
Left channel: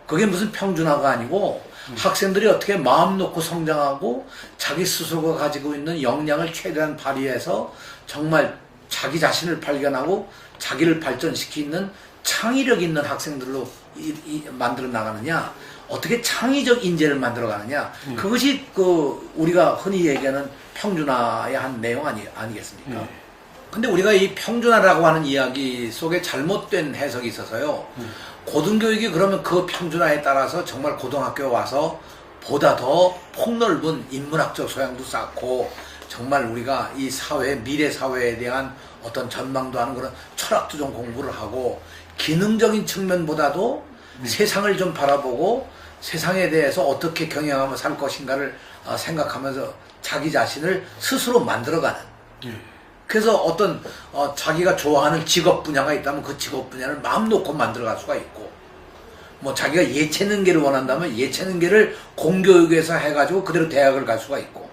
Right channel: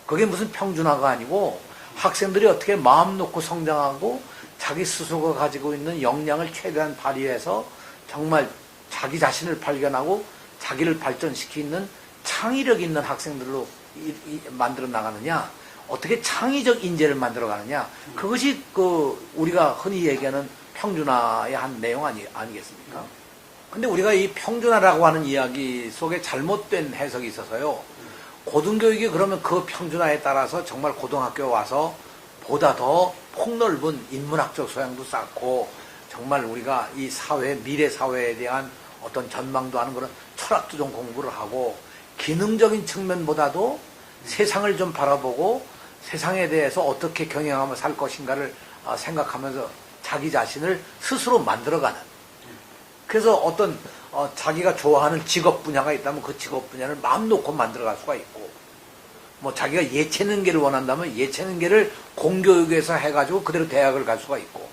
그게 무슨 평준화가 아니고 학생들이 어떻게 마음 놓고 성장하고 자기 스스로가 가지고 있는 역량을 최대한 발휘해서 정말 자기 자신을 발견하고 자기를 발전시키는 창의력 있는 학생들로 만들어 나가느냐, 어떻게 창의적 인재를 만들어 가느냐, 그것이 우리가 흔히 얘기하는 평준화의 한 내용 아니겠습니까? 근데 우리가 이 평준화라고 하는 이야기 속에 잘못된 해석이 있어서요. 고등교육이 그러면 그 평준화에 따라서 정말 고등학교 와서 보다 더 폭넓은 인문학적 소양도 쌓고 정말 우리가 이 미래 사회에 대한 어떤 전망도 하는 그런 철학도 좀 공부를 하고 기능적인 측면보다도 세상을 좀 바라보고 세상에 대해서 어떻게 경영하며 살 것인가를 생각하면서 자기 자신을 스스로 만들어가는. 그래서 어떤 자기가 좋아하는 직업 분야가 있다면 그 직업 분야를 마음 놓고 만들어갈 수가 있고, 뭐 자기가 예체능계를 원한다면 예체능계를 공교육에서 해가지고 그대로 대학을 갈 수가 있고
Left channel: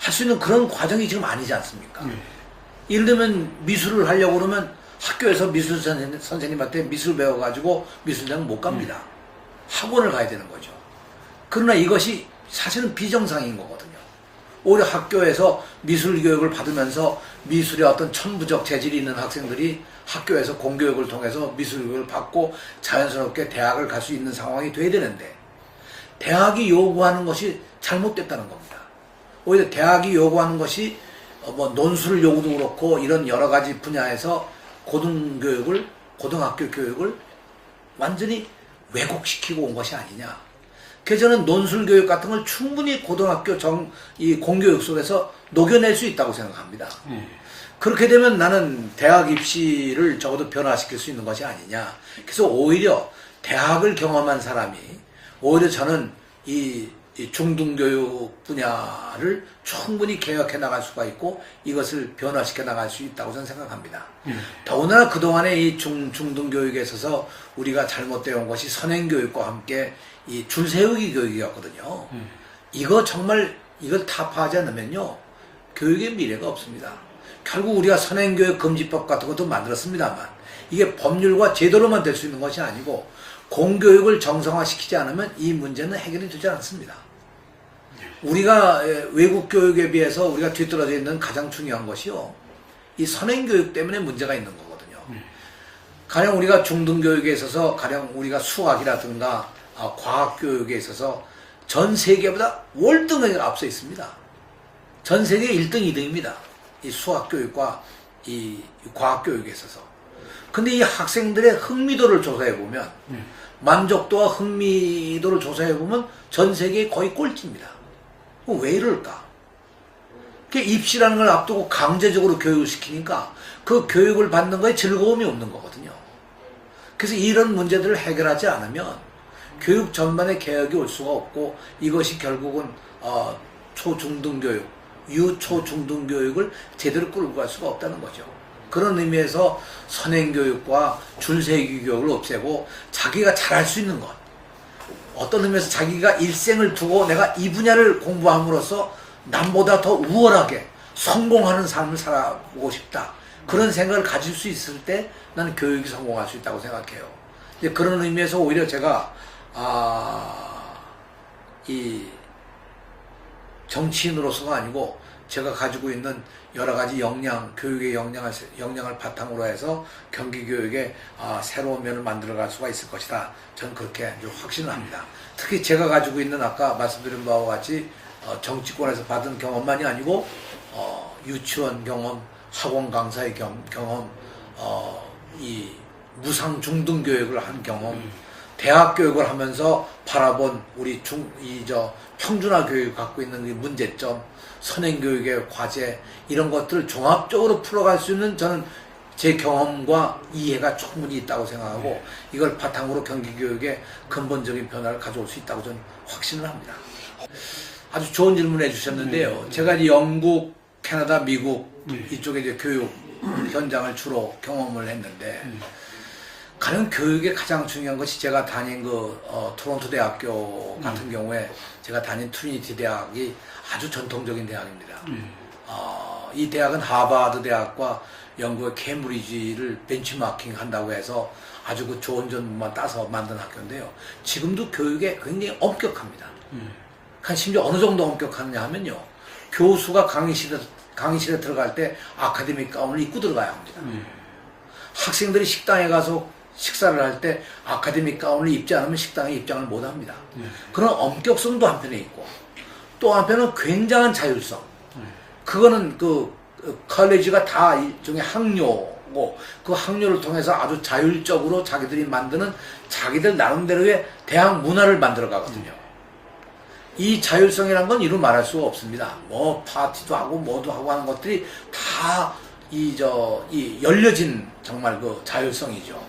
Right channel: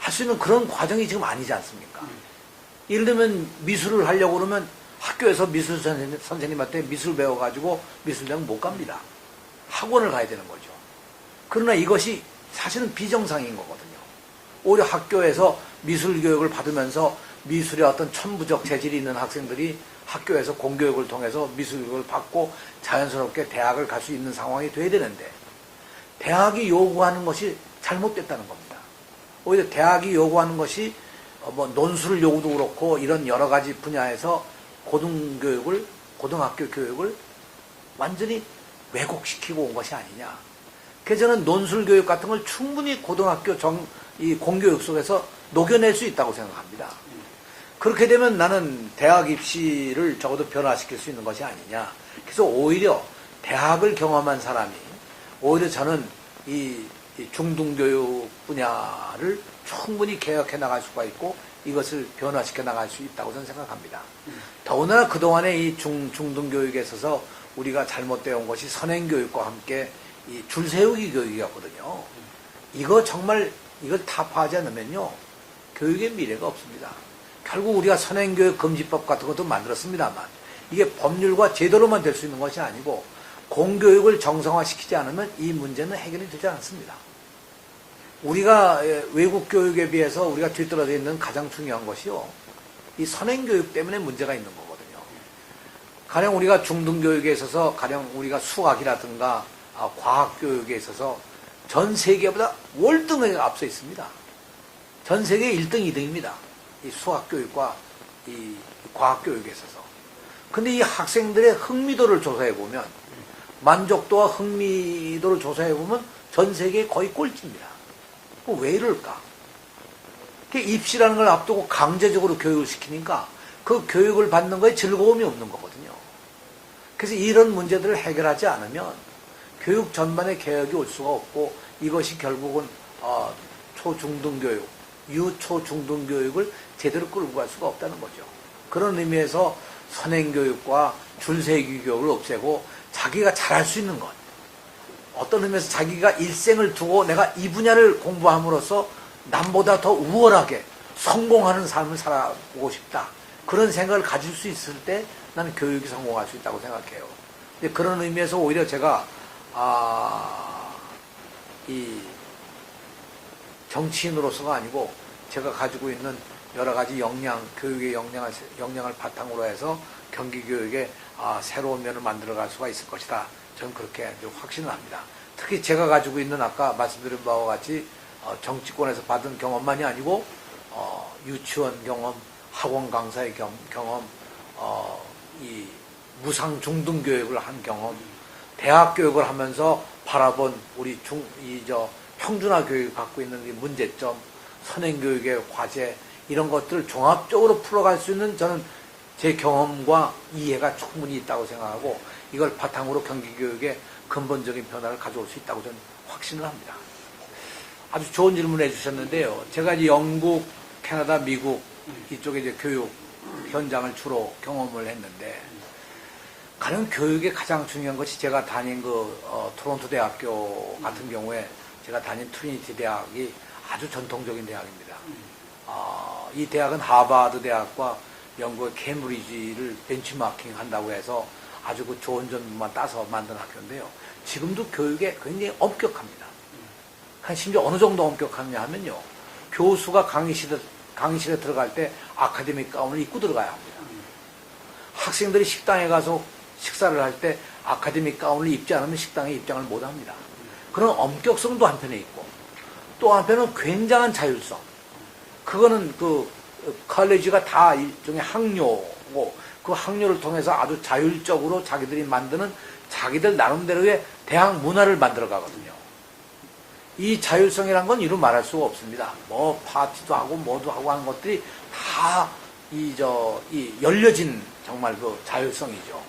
할 수 있는 그런 과정이 지금 아니지 않습니까? 예를 들면 미술을 하려고 그러면 학교에서 미술 선생님한테 미술 배워가지고 미술장 못 갑니다. 학원을 가야 되는 거죠. 그러나 이것이 사실은 비정상인 거거든요. 오히려 학교에서 미술 교육을 받으면서 미술의 어떤 천부적 재질이 있는 학생들이 학교에서 공교육을 통해서 미술 교육을 받고 자연스럽게 대학을 갈 수 있는 상황이 돼야 되는데 대학이 요구하는 것이 잘못됐다는 겁니다. 오히려 대학이 요구하는 것이 뭐 논술 요구도 그렇고 이런 여러 가지 분야에서 고등학교 교육을 완전히 왜곡시키고 온 것이 아니냐. 그래서 저는 논술 교육 같은 걸 충분히 고등학교 이 공교육 속에서 녹여낼 수 있다고 생각합니다. 그렇게 되면 나는 대학 입시를 적어도 변화시킬 수 있는 것이 아니냐. 그래서 오히려 대학을 경험한 사람이 오히려 저는 이 중등교육 분야를 충분히 개혁해 나갈 수가 있고 이것을 변화시켜 나갈 수 있다고 저는 생각합니다. 더군다나 그동안에 이 중등교육에 있어서 우리가 잘못되어 온 것이 선행교육과 함께 이 줄세우기 교육이었거든요. 이거 정말 이걸 타파하지 않으면요 교육의 미래가 없습니다. 결국 우리가 선행교육 금지법 같은 것도 만들었습니다만 이게 법률과 제도로만 될 수 있는 것이 아니고 공교육을 정상화시키지 않으면 이 문제는 해결이 되지 않습니다. 우리가 외국 교육에 비해서 우리가 뒤떨어져 있는 가장 중요한 것이요 이 선행교육 때문에 문제가 있는 거거든요. 가령 우리가 중등교육에 있어서 가령 우리가 수학이라든가 과학교육에 있어서 전 세계보다 월등하게 앞서 있습니다. 전 세계 1등, 2등입니다. 이 수학교육과 이 과학교육에 있어서. 근데 이 학생들의 흥미도를 조사해보면 만족도와 흥미도를 조사해보면 전 세계 거의 꼴찌입니다. 왜 이럴까? 입시라는 걸 앞두고 강제적으로 교육을 시키니까 그 교육을 받는 거에 즐거움이 없는 거거든요. 그래서 이런 문제들을 해결하지 않으면 교육 전반에 개혁이 올 수가 없고 이것이 결국은 초중등교육, 유초중등교육을 제대로 끌고 갈 수가 없다는 거죠. 그런 의미에서 선행교육과 줄세기 교육을 없애고 자기가 잘할 수 있는 것, 어떤 의미에서 자기가 일생을 두고 내가 이 분야를 공부함으로써 남보다 더 우월하게 성공하는 삶을 살아보고 싶다. 그런 생각을 가질 수 있을 때 나는 교육이 성공할 수 있다고 생각해요. 그런 의미에서 오히려 제가 이 정치인으로서가 아니고 제가 가지고 있는 여러 가지 역량, 교육의 역량을 바탕으로 해서 경기교육에 새로운 면을 만들어갈 수가 있을 것이다. 저는 그렇게 확신을 합니다. 특히 제가 가지고 있는 아까 말씀드린 바와 같이 정치권에서 받은 경험만이 아니고 유치원 경험, 학원 강사의 경험, 이 무상 중등 교육을 한 경험, 대학 교육을 하면서 바라본 우리 평준화 교육을 갖고 있는 이 문제점, 선행교육의 과제 이런 것들을 종합적으로 풀어갈 수 있는 저는 제 경험과 이해가 충분히 있다고 생각하고 이걸 바탕으로 경기교육에 근본적인 변화를 가져올 수 있다고 저는 확신을 합니다. 아주 좋은 질문을 해주셨는데요. 제가 이제 영국, 캐나다, 미국 이쪽에 이제 교육 현장을 주로 경험을 했는데 가령 교육의 가장 중요한 것이 제가 다닌 토론토 대학교 같은 경우에 제가 다닌 트리니티 대학이 아주 전통적인 대학입니다. 이 대학은 하버드 대학과 영국의 케임브리지를 벤치마킹 한다고 해서 아주 그 좋은 점만 따서 만든 학교인데요. 지금도 교육에 굉장히 엄격합니다. 심지어 어느 정도 엄격하냐 하면요. 교수가 강의실에 들어갈 때 아카데믹 가운을 입고 들어가야 합니다. 학생들이 식당에 가서 식사를 할 때 아카데믹 가운을 입지 않으면 식당에 입장을 못 합니다. 그런 엄격성도 한편에 있고 또 한편은 굉장한 자율성. 그거는 컬리지가 다 일종의 학료고 그 학료를 통해서 아주 자율적으로 자기들이 만드는 자기들 나름대로의 대학 문화를 만들어 가거든요. 이 자율성이란 건 이루 말할 수가 없습니다. 뭐 파티도 하고 뭐도 하고 하는 것들이 다 이 열려진 정말 그 자율성이죠.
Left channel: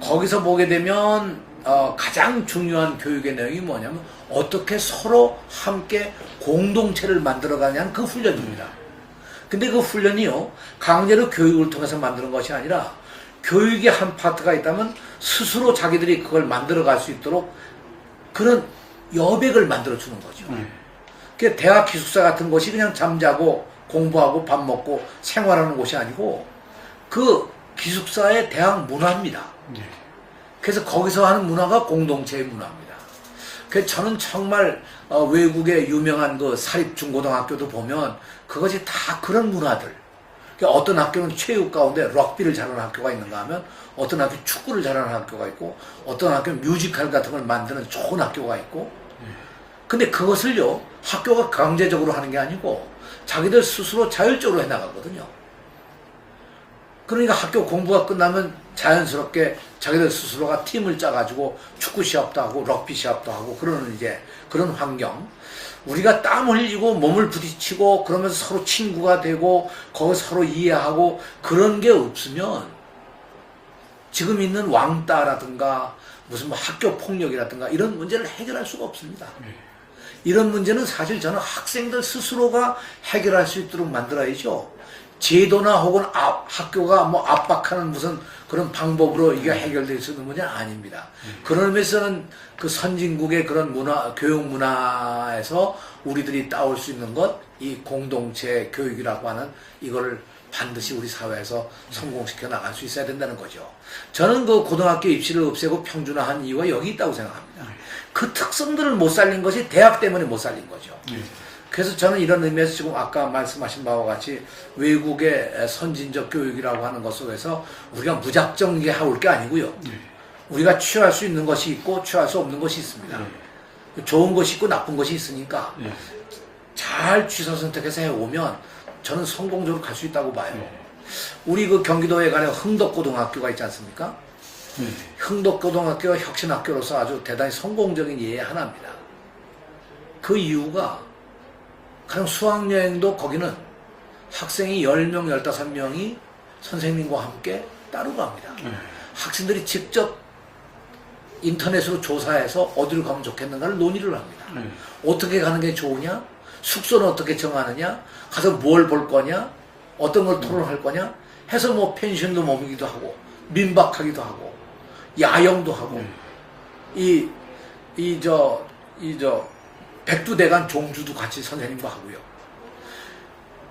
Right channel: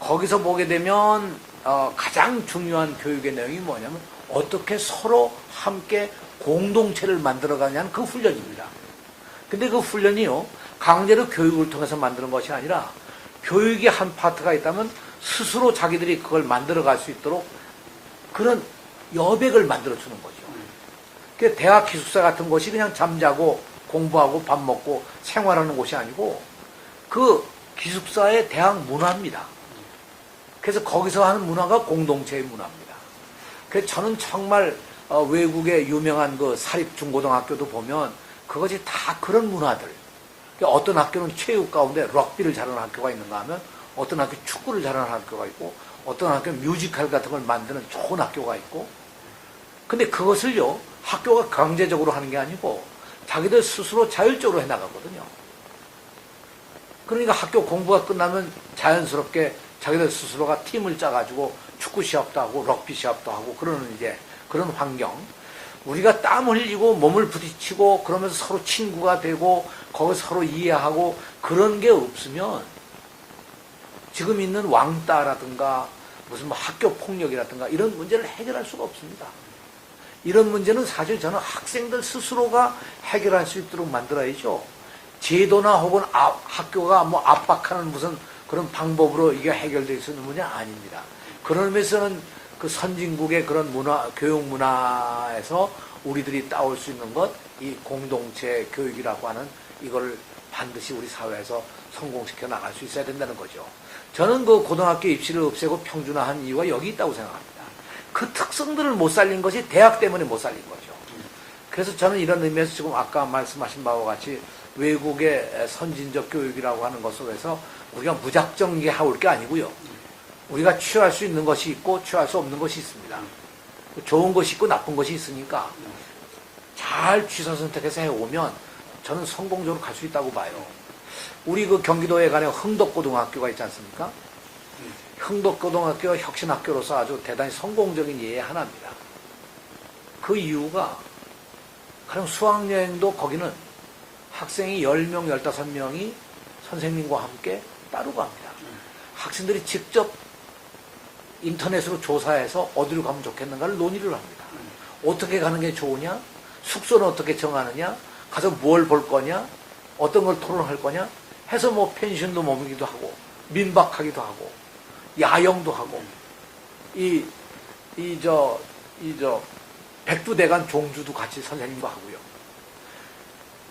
거기서 보게 되면 가장 중요한 교육의 내용이 뭐냐면 어떻게 서로 함께 공동체를 만들어가냐는 그 훈련입니다. 근데 그 훈련이요 강제로 교육을 통해서 만드는 것이 아니라 교육의 한 파트가 있다면 스스로 자기들이 그걸 만들어갈 수 있도록 그런 여백을 만들어주는 거죠. 그러니까 대학 기숙사 같은 곳이 그냥 잠자고 공부하고 밥 먹고 생활하는 곳이 아니고 그 기숙사의 대학 문화입니다. 그래서 거기서 하는 문화가 공동체의 문화입니다. 그 저는 정말 외국의 유명한 그 사립 중고등학교도 보면 그것이 다 그런 문화들. 그러니까 어떤 학교는 체육 가운데 럭비를 잘하는 학교가 있는가 하면 어떤 학교 축구를 잘하는 학교가 있고 어떤 학교는 뮤지컬 같은 걸 만드는 좋은 학교가 있고 근데 그것을요 학교가 강제적으로 하는 게 아니고 자기들 스스로 자율적으로 해나가거든요. 그러니까 학교 공부가 끝나면 자연스럽게 자기들 스스로가 팀을 짜가지고 축구 시합도 하고 럭비 시합도 하고 그러는 이제 그런 환경. 우리가 땀 흘리고 몸을 부딪히고 그러면서 서로 친구가 되고 거기서 서로 이해하고 그런 게 없으면 지금 있는 왕따라든가 무슨 뭐 학교 폭력이라든가 이런 문제를 해결할 수가 없습니다. 이런 문제는 사실 저는 학생들 스스로가 해결할 수 있도록 만들어야죠. 제도나 혹은 학교가 뭐 압박하는 무슨 그런 방법으로 이게 해결될 수 있는 문제 아닙니다. 그런 의미에서는 그 선진국의 그런 문화, 교육 문화에서 우리들이 따올 수 있는 것, 이 공동체 교육이라고 하는 이거를 반드시 우리 사회에서 성공시켜 나갈 수 있어야 된다는 거죠. 저는 그 고등학교 입시를 없애고 평준화한 이유가 여기 있다고 생각합니다. 그 특성들을 못 살린 것이 대학 때문에 못 살린 거죠. 그래서 저는 이런 의미에서 지금 아까 말씀하신 바와 같이 외국의 선진적 교육이라고 하는 것 속에서 우리가 무작정 이게 해올 게 아니고요. 우리가 취할 수 있는 것이 있고 취할 수 없는 것이 있습니다. 좋은 것이 있고 나쁜 것이 있으니까 잘 취사 선택해서 해오면 저는 성공적으로 갈 수 있다고 봐요. 우리 그 경기도에 가는 흥덕고등학교가 있지 않습니까? 흥덕고등학교가 혁신학교로서 아주 대단히 성공적인 예의 하나입니다. 그 이유가 가령 수학여행도 거기는 학생이 10명, 15명이 선생님과 함께 따르고 합니다. 학생들이 직접 인터넷으로 조사해서 어디로 가면 좋겠는가를 논의를 합니다. 어떻게 가는 게 좋으냐? 숙소는 어떻게 정하느냐? 가서 뭘 볼 거냐? 어떤 걸 토론할 거냐? 해서 뭐 펜션도 머물기도 하고 민박하기도 하고 야영도 하고 백두대간 종주도 같이 선생님과 하고요.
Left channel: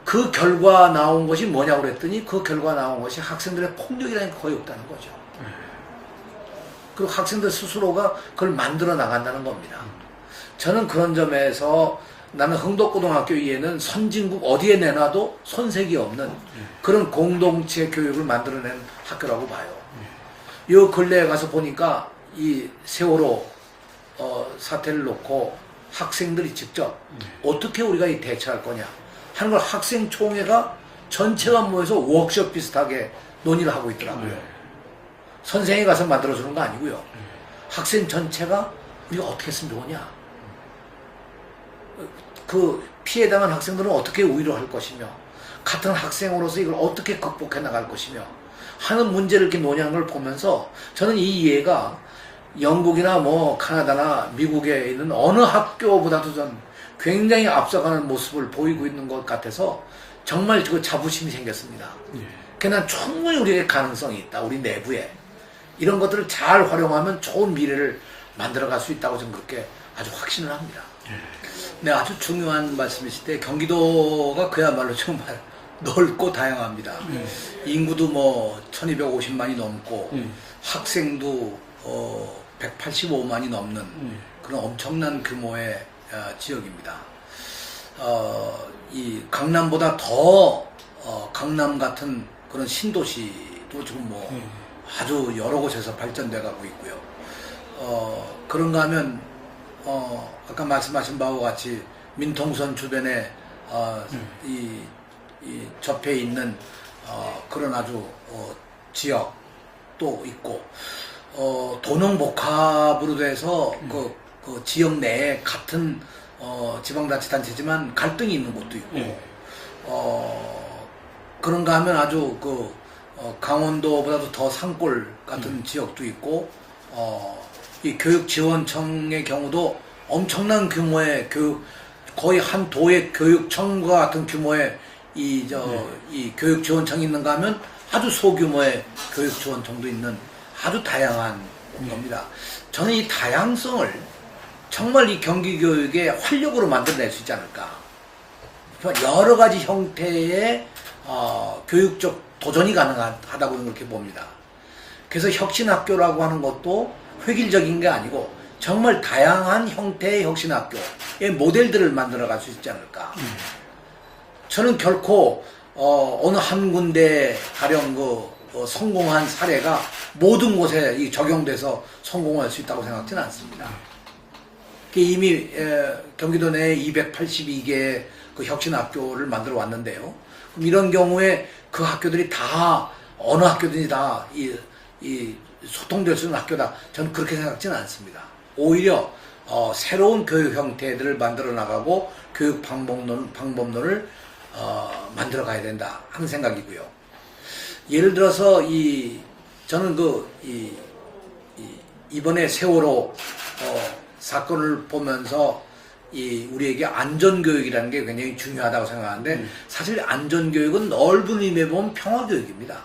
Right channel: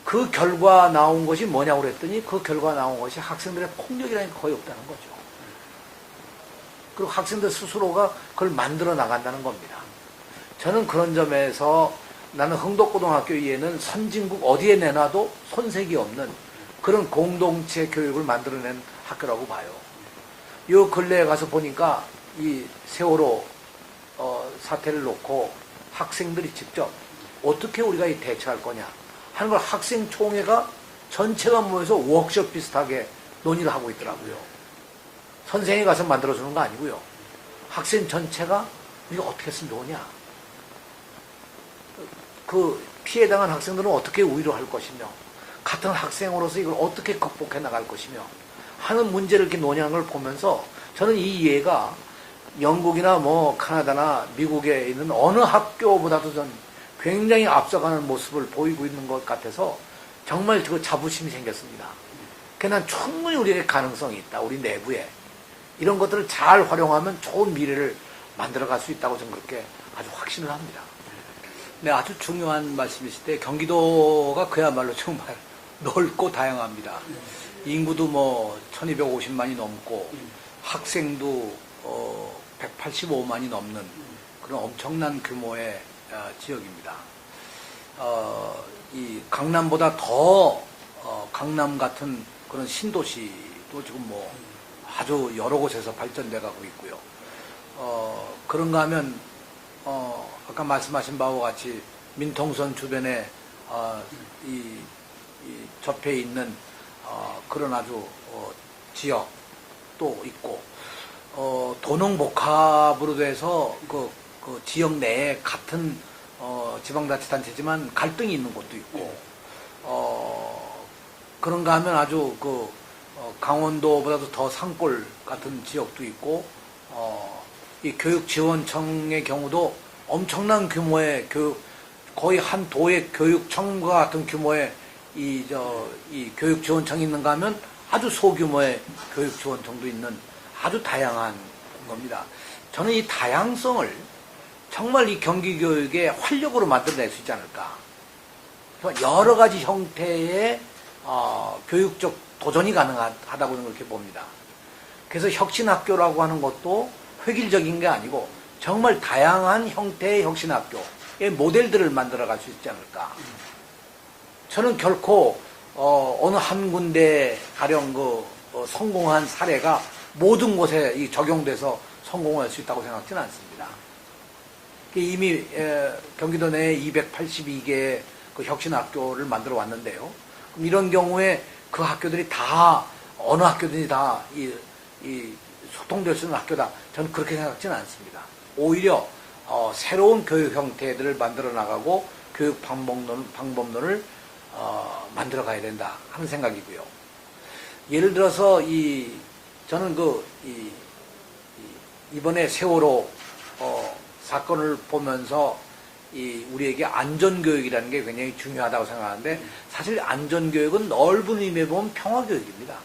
그 결과 나온 것이 뭐냐고 그랬더니 그 결과 나온 것이 학생들의 폭력이라는 게 거의 없다는 거죠. 그리고 학생들 스스로가 그걸 만들어 나간다는 겁니다. 저는 그런 점에서 나는 흥덕고등학교 이에는 선진국 어디에 내놔도 손색이 없는 그런 공동체 교육을 만들어낸 학교라고 봐요. 요 근래에 가서 보니까 이 세월호 사태를 놓고 학생들이 직접 어떻게 우리가 이 대처할 거냐 하는 걸 학생총회가 전체가 모여서 워크숍 비슷하게 논의를 하고 있더라고요. 선생이 가서 만들어주는 거 아니고요. 학생 전체가 우리가 어떻게 했으면 좋으냐. 그 피해당한 학생들은 어떻게 우위로 할 것이며 같은 학생으로서 이걸 어떻게 극복해 나갈 것이며 하는 문제를 이렇게 논의한 걸 보면서 저는 이 이해가 영국이나 뭐 카나다나 미국에 있는 어느 학교보다도 전 굉장히 앞서가는 모습을 보이고 있는 것 같아서 정말 그 자부심이 생겼습니다. 그냥 충분히 우리의 가능성이 있다. 우리 내부에. 이런 것들을 잘 활용하면 좋은 미래를 만들어갈 수 있다고 저는 그렇게 아주 확신을 합니다. 네, 아주 중요한 말씀이실 때 경기도가 그야말로 정말 넓고 다양합니다. 인구도 뭐 1250만이 넘고 학생도 185만이 넘는 그런 엄청난 규모의 지역입니다. 이 강남보다 더 강남 같은 그런 신도시도 지금 뭐 아주 여러 곳에서 발전돼 가고 있고요. 그런가 하면 아까 말씀하신 바와 같이 민통선 주변에 이 접해 있는 그런 아주 지역도 있고 도농복합으로 돼서 그 지역 내에 같은 지방자치단체지만 갈등이 있는 곳도 있고 그런가 하면 아주 강원도보다도 더 산골 같은 지역도 있고 이 교육지원청의 경우도 엄청난 규모의 거의 한 도의 교육청과 같은 규모의 이 교육지원청이 있는가 하면 아주 소규모의 교육지원청도 있는 아주 다양한 겁니다. 저는 이 다양성을 정말 이 경기교육의 활력으로 만들어낼 수 있지 않을까. 여러 가지 형태의 교육적 도전이 가능하다고 그렇게 봅니다. 그래서 혁신학교라고 하는 것도 획일적인 게 아니고 정말 다양한 형태의 혁신학교의 모델들을 만들어갈 수 있지 않을까. 저는 결코 어느 한 군데 가령 성공한 사례가 모든 곳에 적용돼서 성공할 수 있다고 생각지는 않습니다. 이미 경기도 내에 282개의 그 혁신학교를 만들어 왔는데요. 그럼 이런 경우에 그 학교들이 다 어느 학교든지 다 이 소통될 수 있는 학교다. 저는 그렇게 생각지는 않습니다. 오히려 새로운 교육 형태들을 만들어 나가고 교육 방법론을 만들어 가야 된다 하는 생각이고요. 예를 들어서 저는 이번에 세월호 사건을 보면서 우리에게 안전교육이라는 게 굉장히 중요하다고 생각하는데 사실 안전교육은 넓은 의미에 보면 평화교육입니다.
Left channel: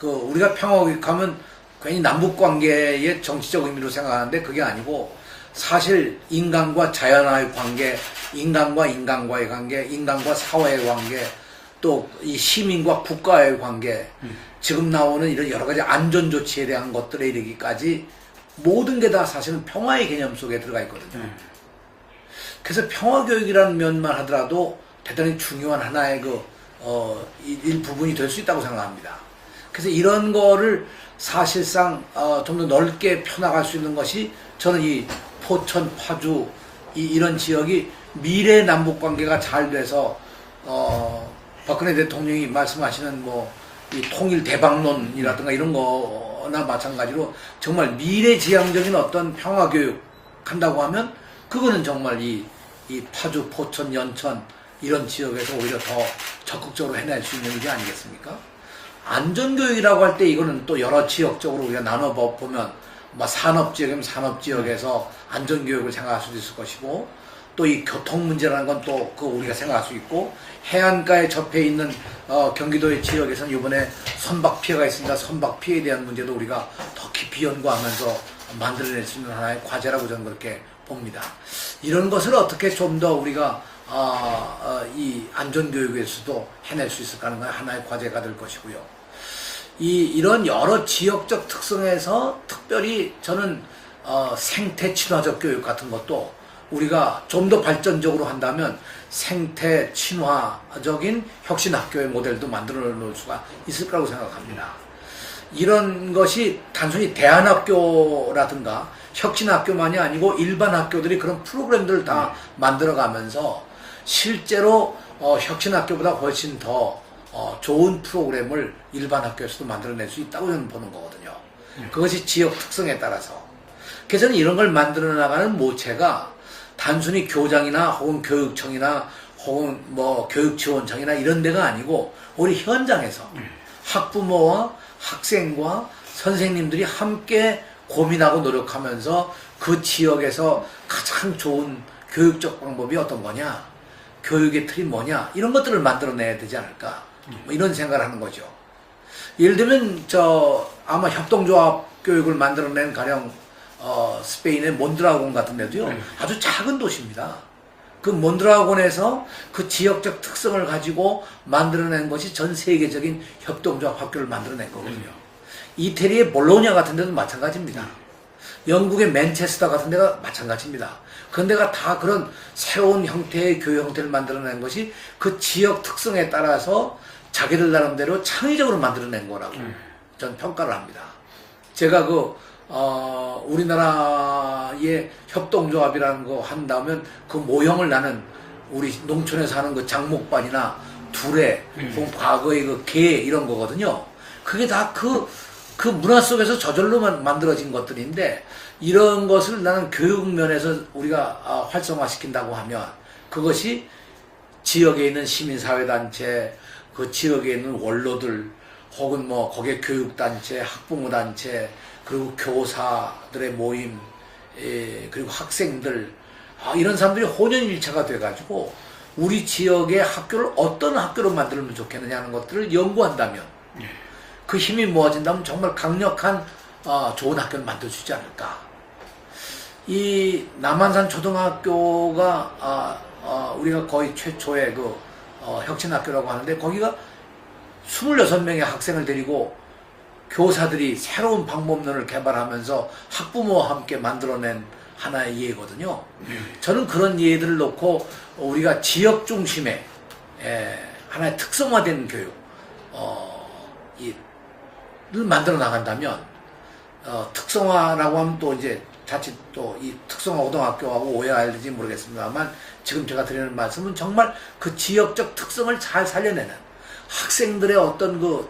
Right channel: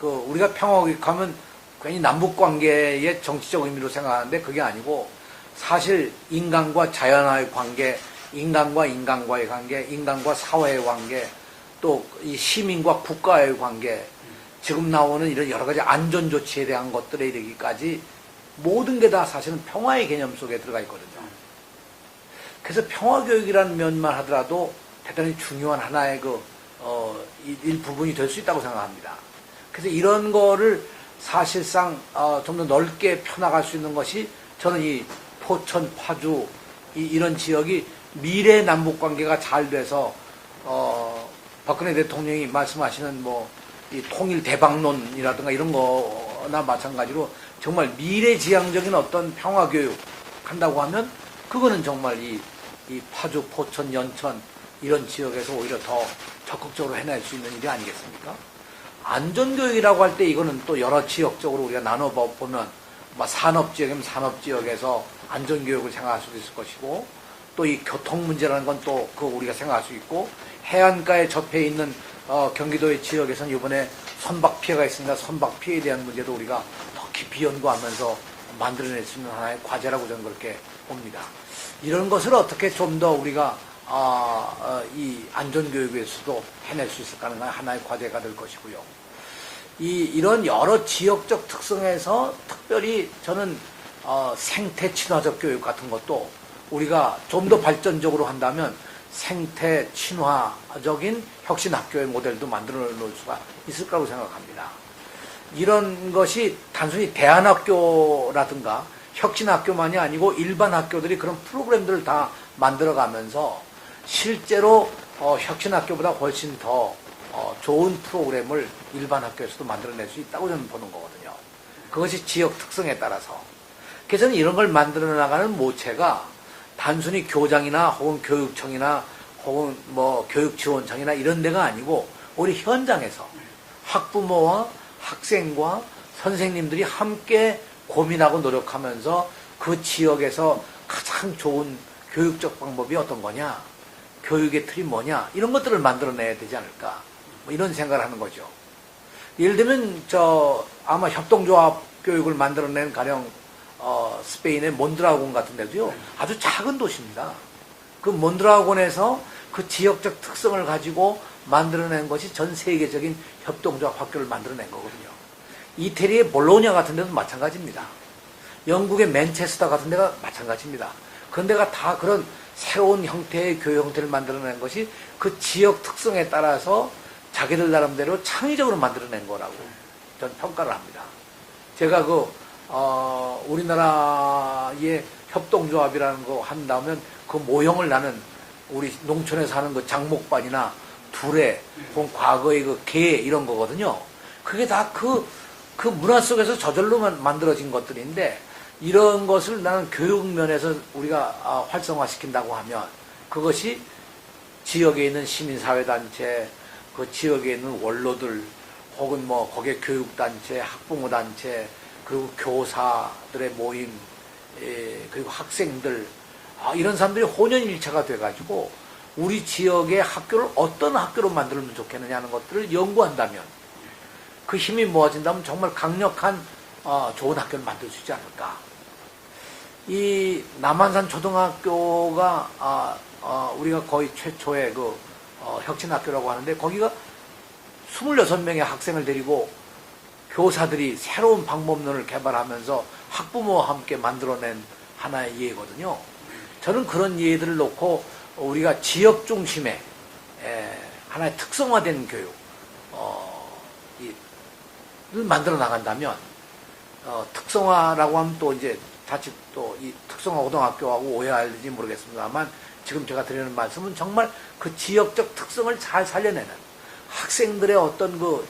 우리가 평화교육하면 괜히 남북관계의 정치적 의미로 생각하는데 그게 아니고 사실 인간과 자연과의 관계, 인간과 인간과의 관계, 인간과 사회의 관계, 또 이 시민과 국가의 관계, 지금 나오는 이런 여러 가지 안전조치에 대한 것들에 이르기까지 모든 게 다 사실은 평화의 개념 속에 들어가 있거든요. 그래서 평화교육이라는 면만 하더라도 대단히 중요한 하나의 일부분이 될 수 있다고 생각합니다. 그래서 이런 거를 사실상 좀 더 넓게 펴나갈 수 있는 것이 저는 이 포천, 파주 이런 지역이 미래 남북 관계가 잘 돼서 박근혜 대통령이 말씀하시는 이 통일 대박론이라든가 이런 거나 마찬가지로 정말 미래지향적인 어떤 평화교육 한다고 하면 그거는 정말 이 파주, 포천, 연천 이런 지역에서 오히려 더 적극적으로 해낼 수 있는 일이 아니겠습니까? 안전교육이라고 할 때 이거는 또 여러 지역적으로 우리가 나눠보면 산업지역이면 산업지역에서 안전교육을 생각할 수도 있을 것이고 또 이 교통 문제라는 건 또 그거 우리가 생각할 수 있고 해안가에 접해 있는 경기도의 지역에서는 이번에 선박 피해가 있습니다. 선박 피해에 대한 문제도 우리가 더 깊이 연구하면서 만들어낼 수 있는 하나의 과제라고 저는 그렇게 봅니다. 이런 것을 어떻게 좀 더 우리가 이 안전교육에서도 해낼 수 있을까 하는 하나의 과제가 될 것이고요. 이런 여러 지역적 특성에서 특별히 저는 생태 친화적 교육 같은 것도 우리가 좀 더 발전적으로 한다면 생태 친화적인 혁신학교의 모델도 만들어 놓을 수가 있을 거라고 생각합니다. 이런 것이 단순히 대안학교라든가 혁신학교만이 아니고 일반 학교들이 그런 프로그램들을 다 만들어가면서 실제로 혁신학교보다 훨씬 더 좋은 프로그램을 일반 학교에서도 만들어낼 수 있다고 저는 보는 거거든요. 그것이 지역 특성에 따라서. 그래서 이런 걸 만들어 나가는 모체가 단순히 교장이나 혹은 교육청이나 혹은 교육지원청이나 이런 데가 아니고 우리 현장에서 학부모와 학생과 선생님들이 함께 고민하고 노력하면서 그 지역에서 가장 좋은 교육적 방법이 어떤 거냐, 교육의 틀이 뭐냐, 이런 것들을 만들어내야 되지 않을까, 이런 생각을 하는 거죠. 예를 들면 아마 협동조합 교육을 만들어낸 가령 스페인의 몬드라곤 같은 데도요, 아주 작은 도시입니다. 그 몬드라곤에서 그 지역적 특성을 가지고 만들어낸 것이 전 세계적인 협동조합 학교를 만들어낸 거거든요. 이태리의 볼로냐 같은 데도 마찬가지입니다. 영국의 맨체스터 같은 데가 마찬가지입니다. 그런 데가 다 그런 새로운 형태의 교육 형태를 만들어낸 것이 그 지역 특성에 따라서 자기들 나름대로 창의적으로 만들어낸 거라고 저는 평가를 합니다. 제가 우리나라의 협동조합이라는 거 한다면 그 모형을 나는 우리 농촌에 사는 그 장목반이나 두레, 혹은 과거의 그 개 이런 거거든요. 그게 다 그 문화 속에서 저절로 만들어진 것들인데 이런 것을 나는 교육 면에서 우리가 활성화시킨다고 하면 그것이 지역에 있는 시민사회단체, 그 지역에 있는 원로들, 혹은 거기에 교육단체, 학부모단체, 그리고 교사들의 모임, 그리고 학생들, 이런 사람들이 혼연일체가 돼가지고 우리 지역의 학교를 어떤 학교로 만들면 좋겠느냐 하는 것들을 연구한다면 그 힘이 모아진다면 정말 강력한 좋은 학교를 만들 수 있지 않을까. 이 남한산 초등학교가 우리가 거의 최초의 혁신학교라고 하는데 거기가 26명의 학생을 데리고 교사들이 새로운 방법론을 개발하면서 학부모와 함께 만들어낸 하나의 예거든요. 저는 그런 예들을 놓고 우리가 지역 중심의 하나의 특성화된 교육 를 만들어 나간다면 특성화라고 하면 또 이제 자칫 또 이 특성화 고등학교하고 오해할지 모르겠습니다만 지금 제가 드리는 말씀은 정말 그 지역적 특성을 잘 살려내는 학생들의 어떤 그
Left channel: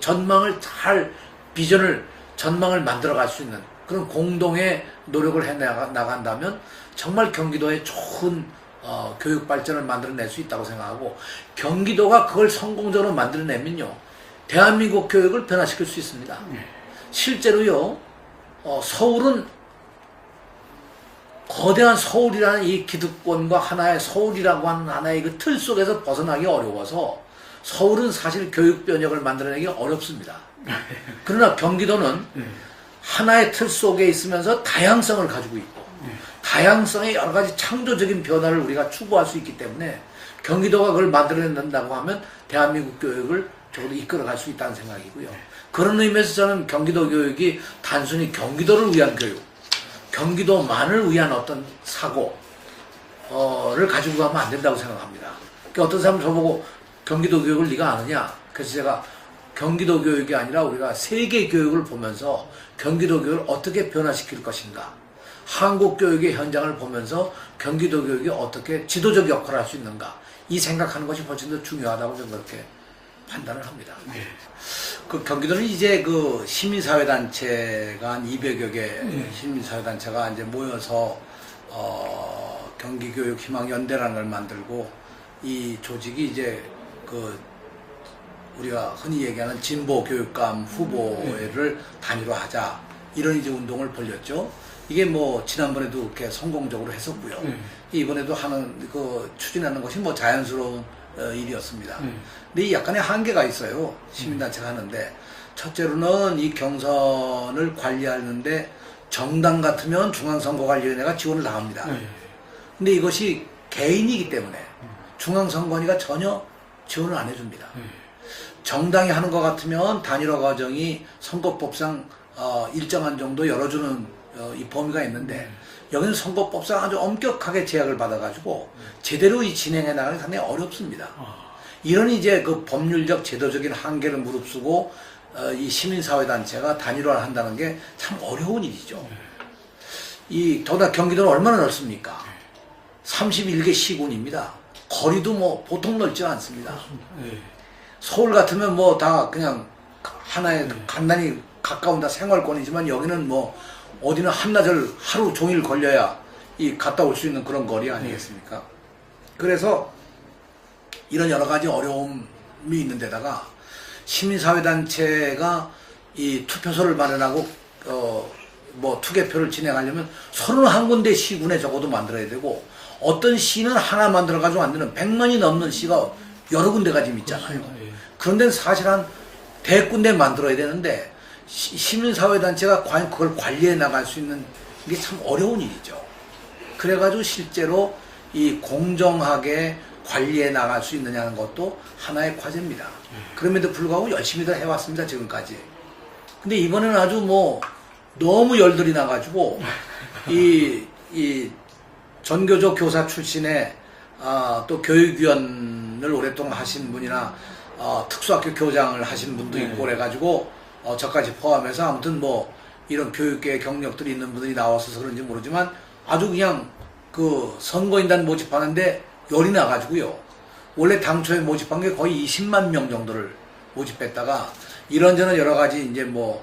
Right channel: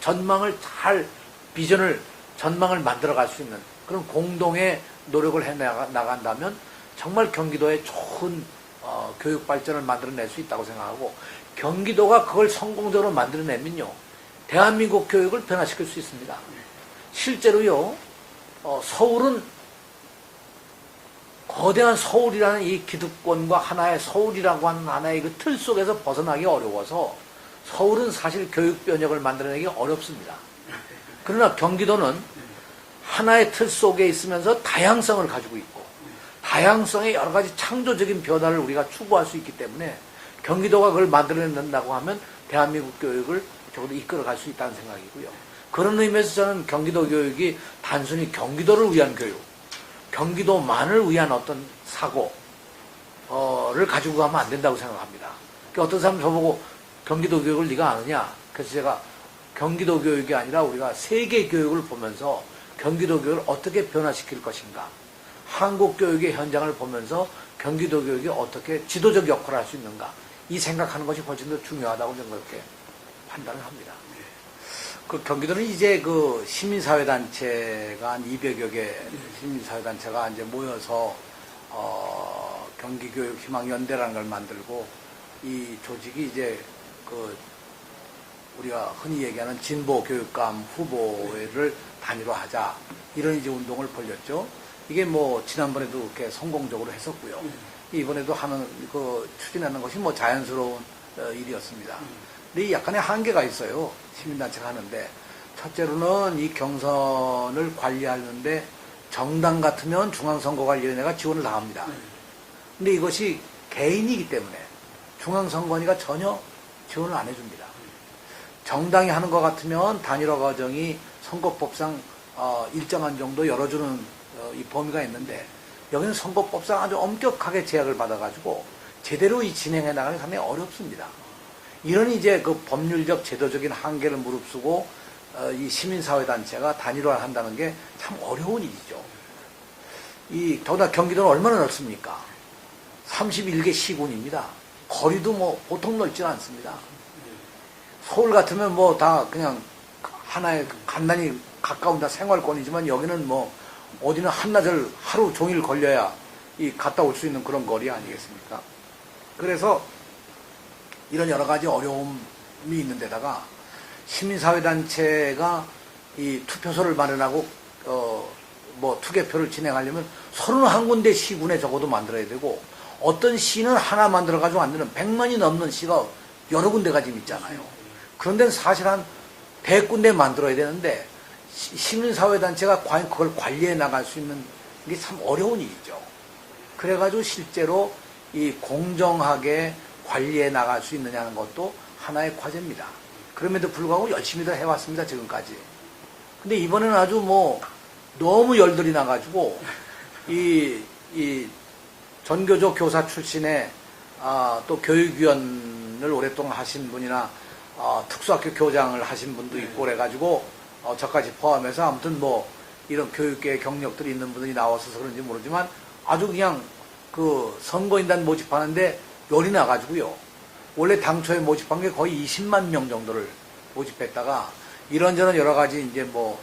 전망을 전망을 만들어갈 수 있는 그런 공동의 노력을 해 나간다면 정말 경기도에 좋은 교육 발전을 만들어낼 수 있다고 생각하고 경기도가 그걸 성공적으로 만들어내면요 대한민국 교육을 변화시킬 수 있습니다. 실제로요 서울은 거대한 서울이라는 이 기득권과 하나의 서울이라고 하는 하나의 그 틀 속에서 벗어나기 어려워서 서울은 사실 교육 변혁을 만들어내기 어렵습니다. 그러나 경기도는 하나의 틀 속에 있으면서 다양성을 가지고 있고 다양성의 여러 가지 창조적인 변화를 우리가 추구할 수 있기 때문에 경기도가 그걸 만들어낸다고 하면 대한민국 교육을 적어도 이끌어갈 수 있다는 생각이고요. 그런 의미에서 저는 경기도 교육이 단순히 경기도를 위한 교육, 경기도만을 위한 어떤 사고를 가지고 가면 안 된다고 생각합니다. 그러니까 어떤 사람은 저보고 경기도 교육을 네가 아느냐? 그래서 제가 경기도 교육이 아니라 우리가 세계 교육을 보면서 경기도 교육을 어떻게 변화시킬 것인가, 한국 교육의 현장을 보면서 경기도 교육이 어떻게 지도적 역할을 할 수 있는가, 이 생각하는 것이 훨씬 더 중요하다고 저는 그렇게 판단을 합니다. 그 경기도는 이제 그 시민사회단체가 한 200여 개 시민사회단체가 이제 모여서 경기교육희망연대라는 걸 만들고 이 조직이 이제 그 우리가 흔히 얘기하는 진보교육감 후보회를 단일화하자 이런 이제 운동을 벌였죠. 이게 뭐 지난번에도 그렇게 성공적으로 했었고요. 이번에도 추진하는 것이 뭐 자연스러운 일이었습니다. 근데 이 약간의 한계가 있어요. 시민단체가 하는데 첫째로는 이 경선을 관리하는데 정당 같으면 중앙선거관리위원회가 지원을 다 합니다. 근데 이것이 개인이기 때문에 중앙선관위가 전혀 지원을 안 해줍니다. 정당이 하는 것 같으면 단일화 과정이 선거법상 일정한 정도 열어주는 이 범위가 있는데 여기는 선거법상 아주 엄격하게 제약을 받아가지고 제대로 이 진행해 나가는 게 상당히 어렵습니다. 이런 이제 그 법률적 제도적인 한계를 무릅쓰고 이 시민사회단체가 단일화를 한다는 게 참 어려운 일이죠. 더구나 경기도는 얼마나 넓습니까? 31개 시군입니다. 거리도 뭐 보통 넓지는 않습니다. 서울 같으면 뭐 다 그냥 하나의 간단히 가까운 다 생활권이지만 여기는 뭐 어디는 한나절 하루 종일 걸려야 갔다 올 수 있는 그런 거리 아니겠습니까? 그래서 이런 여러 가지 어려움이 있는 데다가 시민사회단체가 이 투표소를 마련하고 뭐 투개표를 진행하려면 31군데 시군에 적어도 만들어야 되고 어떤 시는 하나 만들어가지고 안 되는 100만이 넘는 시가 여러 군데가 지금 있잖아요. 그런데 사실 한 100군데 만들어야 되는데 시민사회단체가 과연 그걸 관리해 나갈 수 있는 게 참 어려운 일이죠. 그래가지고 실제로 이 공정하게 관리해 나갈 수 있느냐는 것도 하나의 과제입니다. 그럼에도 불구하고 열심히들 해왔습니다, 지금까지. 근데 이번에는 아주 뭐 너무 열들이 나가지고 이 전교조 교사 출신의 또 교육위원을 오랫동안 하신 분이나 특수학교 교장을 하신 분도 있고 그래가지고 저까지 포함해서 아무튼 뭐 이런 교육계 경력들이 있는 분들이 나와서 그런지 모르지만 아주 그냥 그 선거인단 모집하는데 열이 나가지고요. 원래 당초에 모집한 게 거의 20만 명 정도를 모집했다가 이런저런 여러 가지 이제 뭐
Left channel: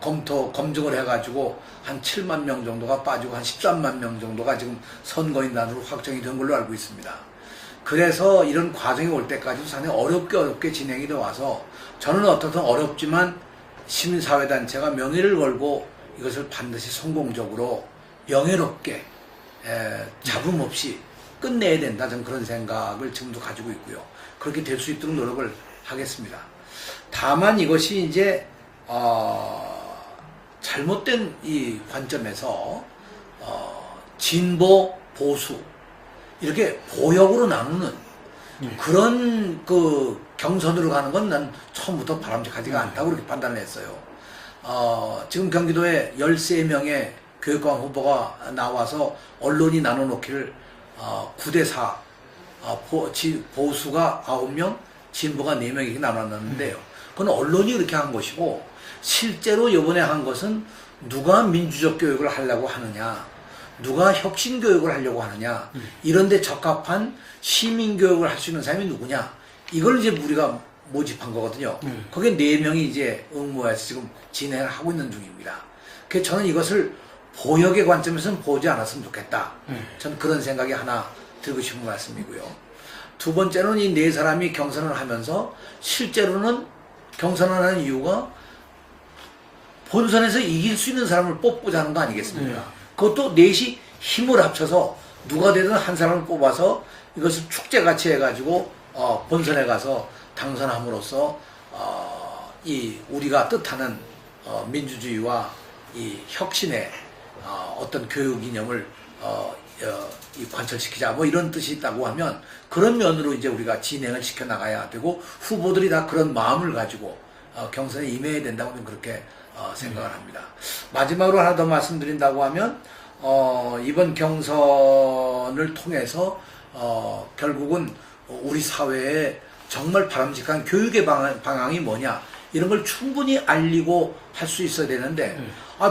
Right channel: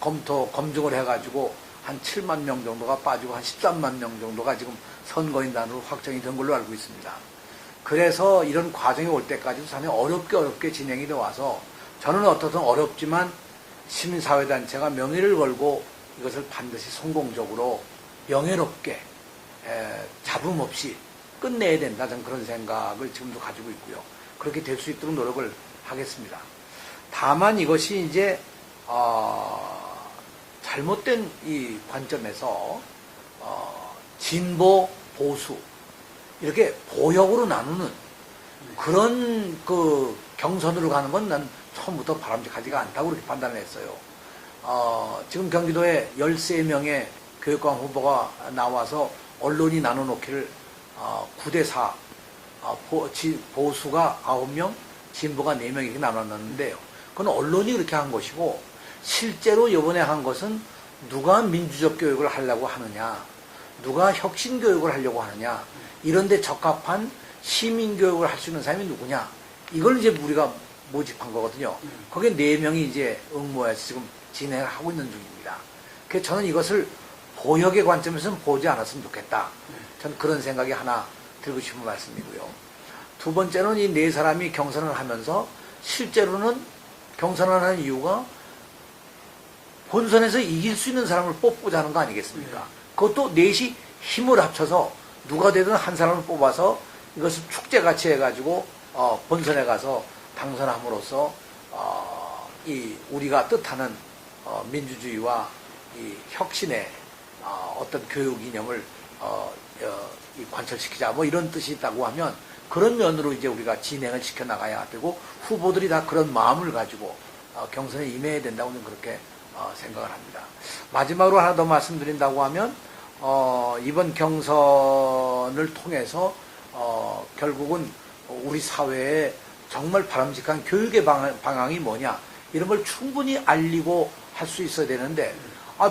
검증을 해가지고 한 7만 명 정도가 빠지고 한 13만 명 정도가 지금 선거인단으로 확정이 된 걸로 알고 있습니다. 그래서 이런 과정이 올 때까지도 상당히 어렵게 진행이 돼 와서 저는 어떻든 어렵지만 시민사회단체가 명예를 걸고 이것을 반드시 성공적으로 명예롭게 잡음 없이 끝내야 된다. 저는 그런 생각을 지금도 가지고 있고요. 그렇게 될 수 있도록 노력을 하겠습니다. 다만 이것이 이제 잘못된 이 관점에서 진보, 보수 이렇게 보역으로 나누는 그런 그 경선으로 가는 건 난 처음부터 바람직하지가 않다고 그렇게 판단을 했어요. 지금 경기도에 13명의 교육감 후보가 나와서 언론이 나눠놓기를 9대4, 보수가 9명, 진보가 4명 이렇게 나눠놨는데요. 그건 언론이 그렇게 한 것이고, 실제로 이번에 한 것은 누가 민주적 교육을 하려고 하느냐, 누가 혁신 교육을 하려고 하느냐, 이런 데 적합한 시민 교육을 할 수 있는 사람이 누구냐, 이걸 이제 우리가 모집한 거거든요. 거기에 4명이 이제 응모해서 지금 진행을 하고 있는 중입니다. 그래서 저는 이것을 보역의 관점에서는 보지 않았으면 좋겠다. 저는 그런 생각이 하나 들고 싶은 말씀이고요. 두 번째는 이 4사람이 경선을 하면서 실제로는 경선을 하는 이유가 본선에서 이길 수 있는 사람을 뽑고자 하는 거 아니겠습니까? 그것도 넷이 힘을 합쳐서 누가 되든 한 사람을 뽑아서 이것을 축제같이 해가지고 본선에 가서 당선함으로써 이 우리가 뜻하는 민주주의와 이 혁신의 어떤 교육 이념을 이 관철시키자 뭐 이런 뜻이 있다고 하면 그런 면으로 이제 우리가 진행을 시켜 나가야 되고 후보들이 다 그런 마음을 가지고 경선에 임해야 된다고 저는 그렇게 생각을 합니다. 마지막으로 하나 더 말씀드린다고 하면 이번 경선을 통해서 결국은 우리 사회에 정말 바람직한 교육의 방향이 뭐냐 이런 걸 충분히 알리고 할 수 있어야 되는데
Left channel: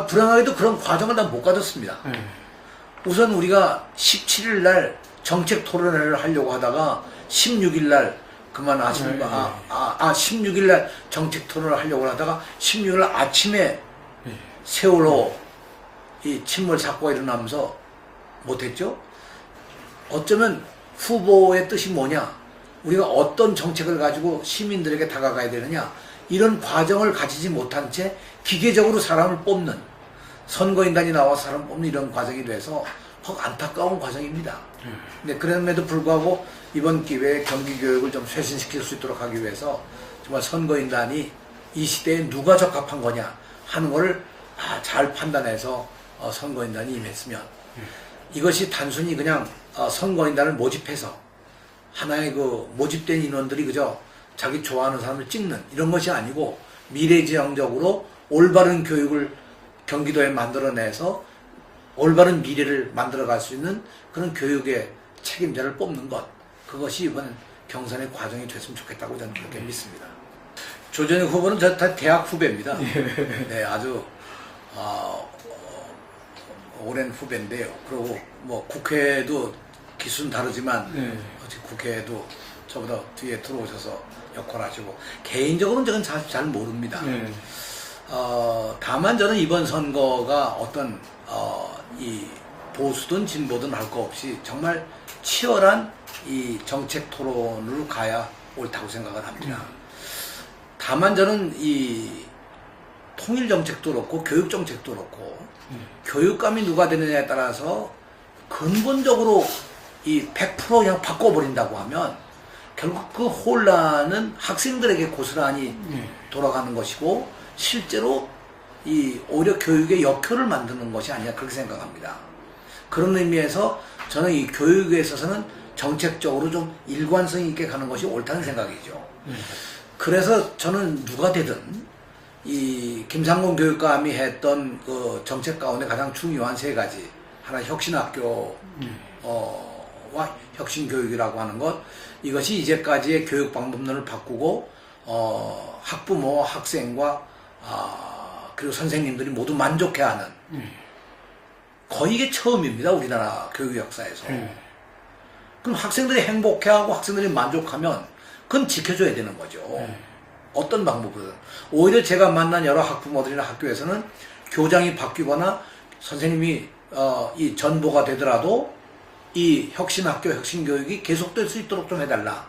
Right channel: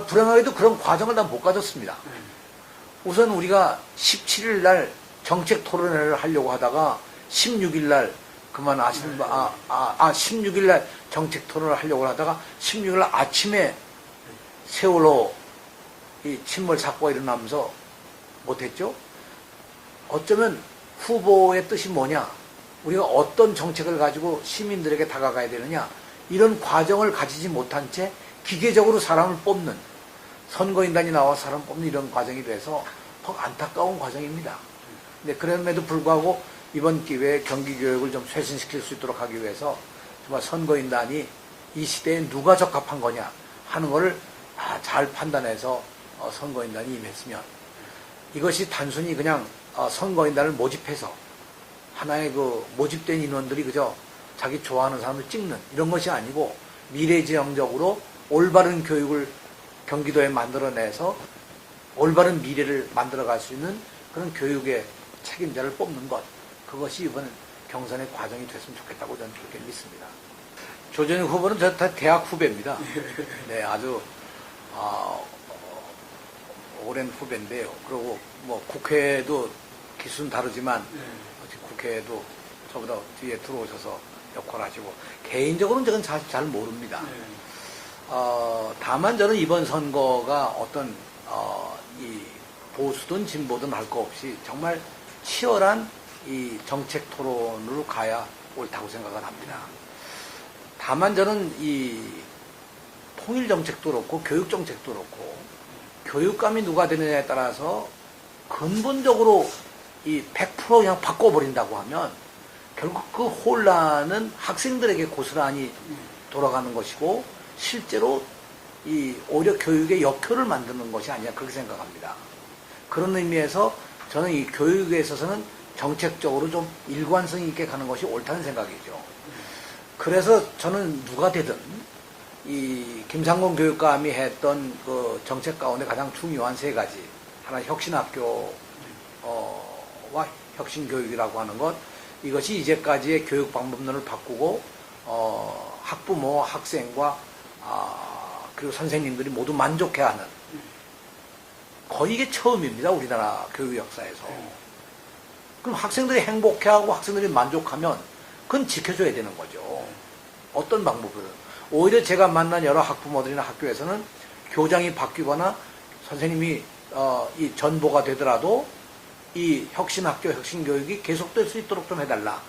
불행하게도 그런 과정을 난 못 가졌습니다. 우선 우리가 17일 날 정책 토론회를 하려고 하다가 16일 날 그만 16일 날 정책 토론을 하려고 하다가 16일 날 아침에 세월호 이 침몰 사고가 일어나면서 못했죠. 어쩌면 후보의 뜻이 뭐냐, 우리가 어떤 정책을 가지고 시민들에게 다가가야 되느냐, 이런 과정을 가지지 못한 채 기계적으로 사람을 뽑는, 선거인단이 나와서 사람 뽑는 이런 과정이 돼서 퍽 안타까운 과정입니다. 근데 그럼에도 불구하고 이번 기회에 경기교육을 좀 쇄신시킬 수 있도록 하기 위해서 정말 선거인단이 이 시대에 누가 적합한 거냐 하는 것을 잘 판단해서 선거인단이 임했으면, 이것이 단순히 그냥 선거인단을 모집해서 하나의 그 모집된 인원들이 그저 자기 좋아하는 사람을 찍는 이런 것이 아니고 미래지향적으로 올바른 교육을 경기도에 만들어내서 올바른 미래를 만들어갈 수 있는 그런 교육의 책임자를 뽑는 것, 그것이 이번 경선의 과정이 됐으면 좋겠다고 저는 그렇게 믿습니다. 조정희 후보는 저 다 대학 후배입니다. 네, 아주 오랜 후배인데요. 그리고 뭐 국회도 기수는 다르지만 국회에도 저보다 뒤에 들어오셔서 역할하시고, 개인적으로는 저는 사실 잘 모릅니다. 다만 저는 이번 선거가 어떤 이 보수든 진보든 할 거 없이 정말 치열한 이 정책 토론으로 가야 옳다고 생각을 합니다. 다만 저는 이 통일 정책도 그렇고 교육 정책도 그렇고 교육감이 누가 되느냐에 따라서 근본적으로 이 100% 그냥 바꿔버린다고 하면 결국 그 혼란은 학생들에게 고스란히 돌아가는 것이고 실제로 이 오히려 교육의 역효를 만드는 것이 아니냐 그렇게 생각합니다. 그런 의미에서 저는 이 교육에 있어서는 정책적으로 좀 일관성 있게 가는 것이 옳다는 생각이죠. 그래서 저는 누가 되든 이 김상곤 교육감이 했던 그 정책 가운데 가장 중요한 3가지, 하나 혁신학교와 혁신교육이라고 하는 것, 이것이 이제까지의 교육 방법론을 바꾸고 학부모, 학생과 그리고 선생님들이 모두 만족해하는, 거의 이게 처음입니다. 우리나라 교육 역사에서. 그럼 학생들이 행복해하고 학생들이 만족하면 그건 지켜줘야 되는 거죠. 어떤 방법으로든. 오히려 제가 만난 여러 학부모들이나 학교에서는 교장이 바뀌거나 선생님이 이 전보가 되더라도 이 혁신학교, 혁신교육이 계속될 수 있도록 좀 해달라.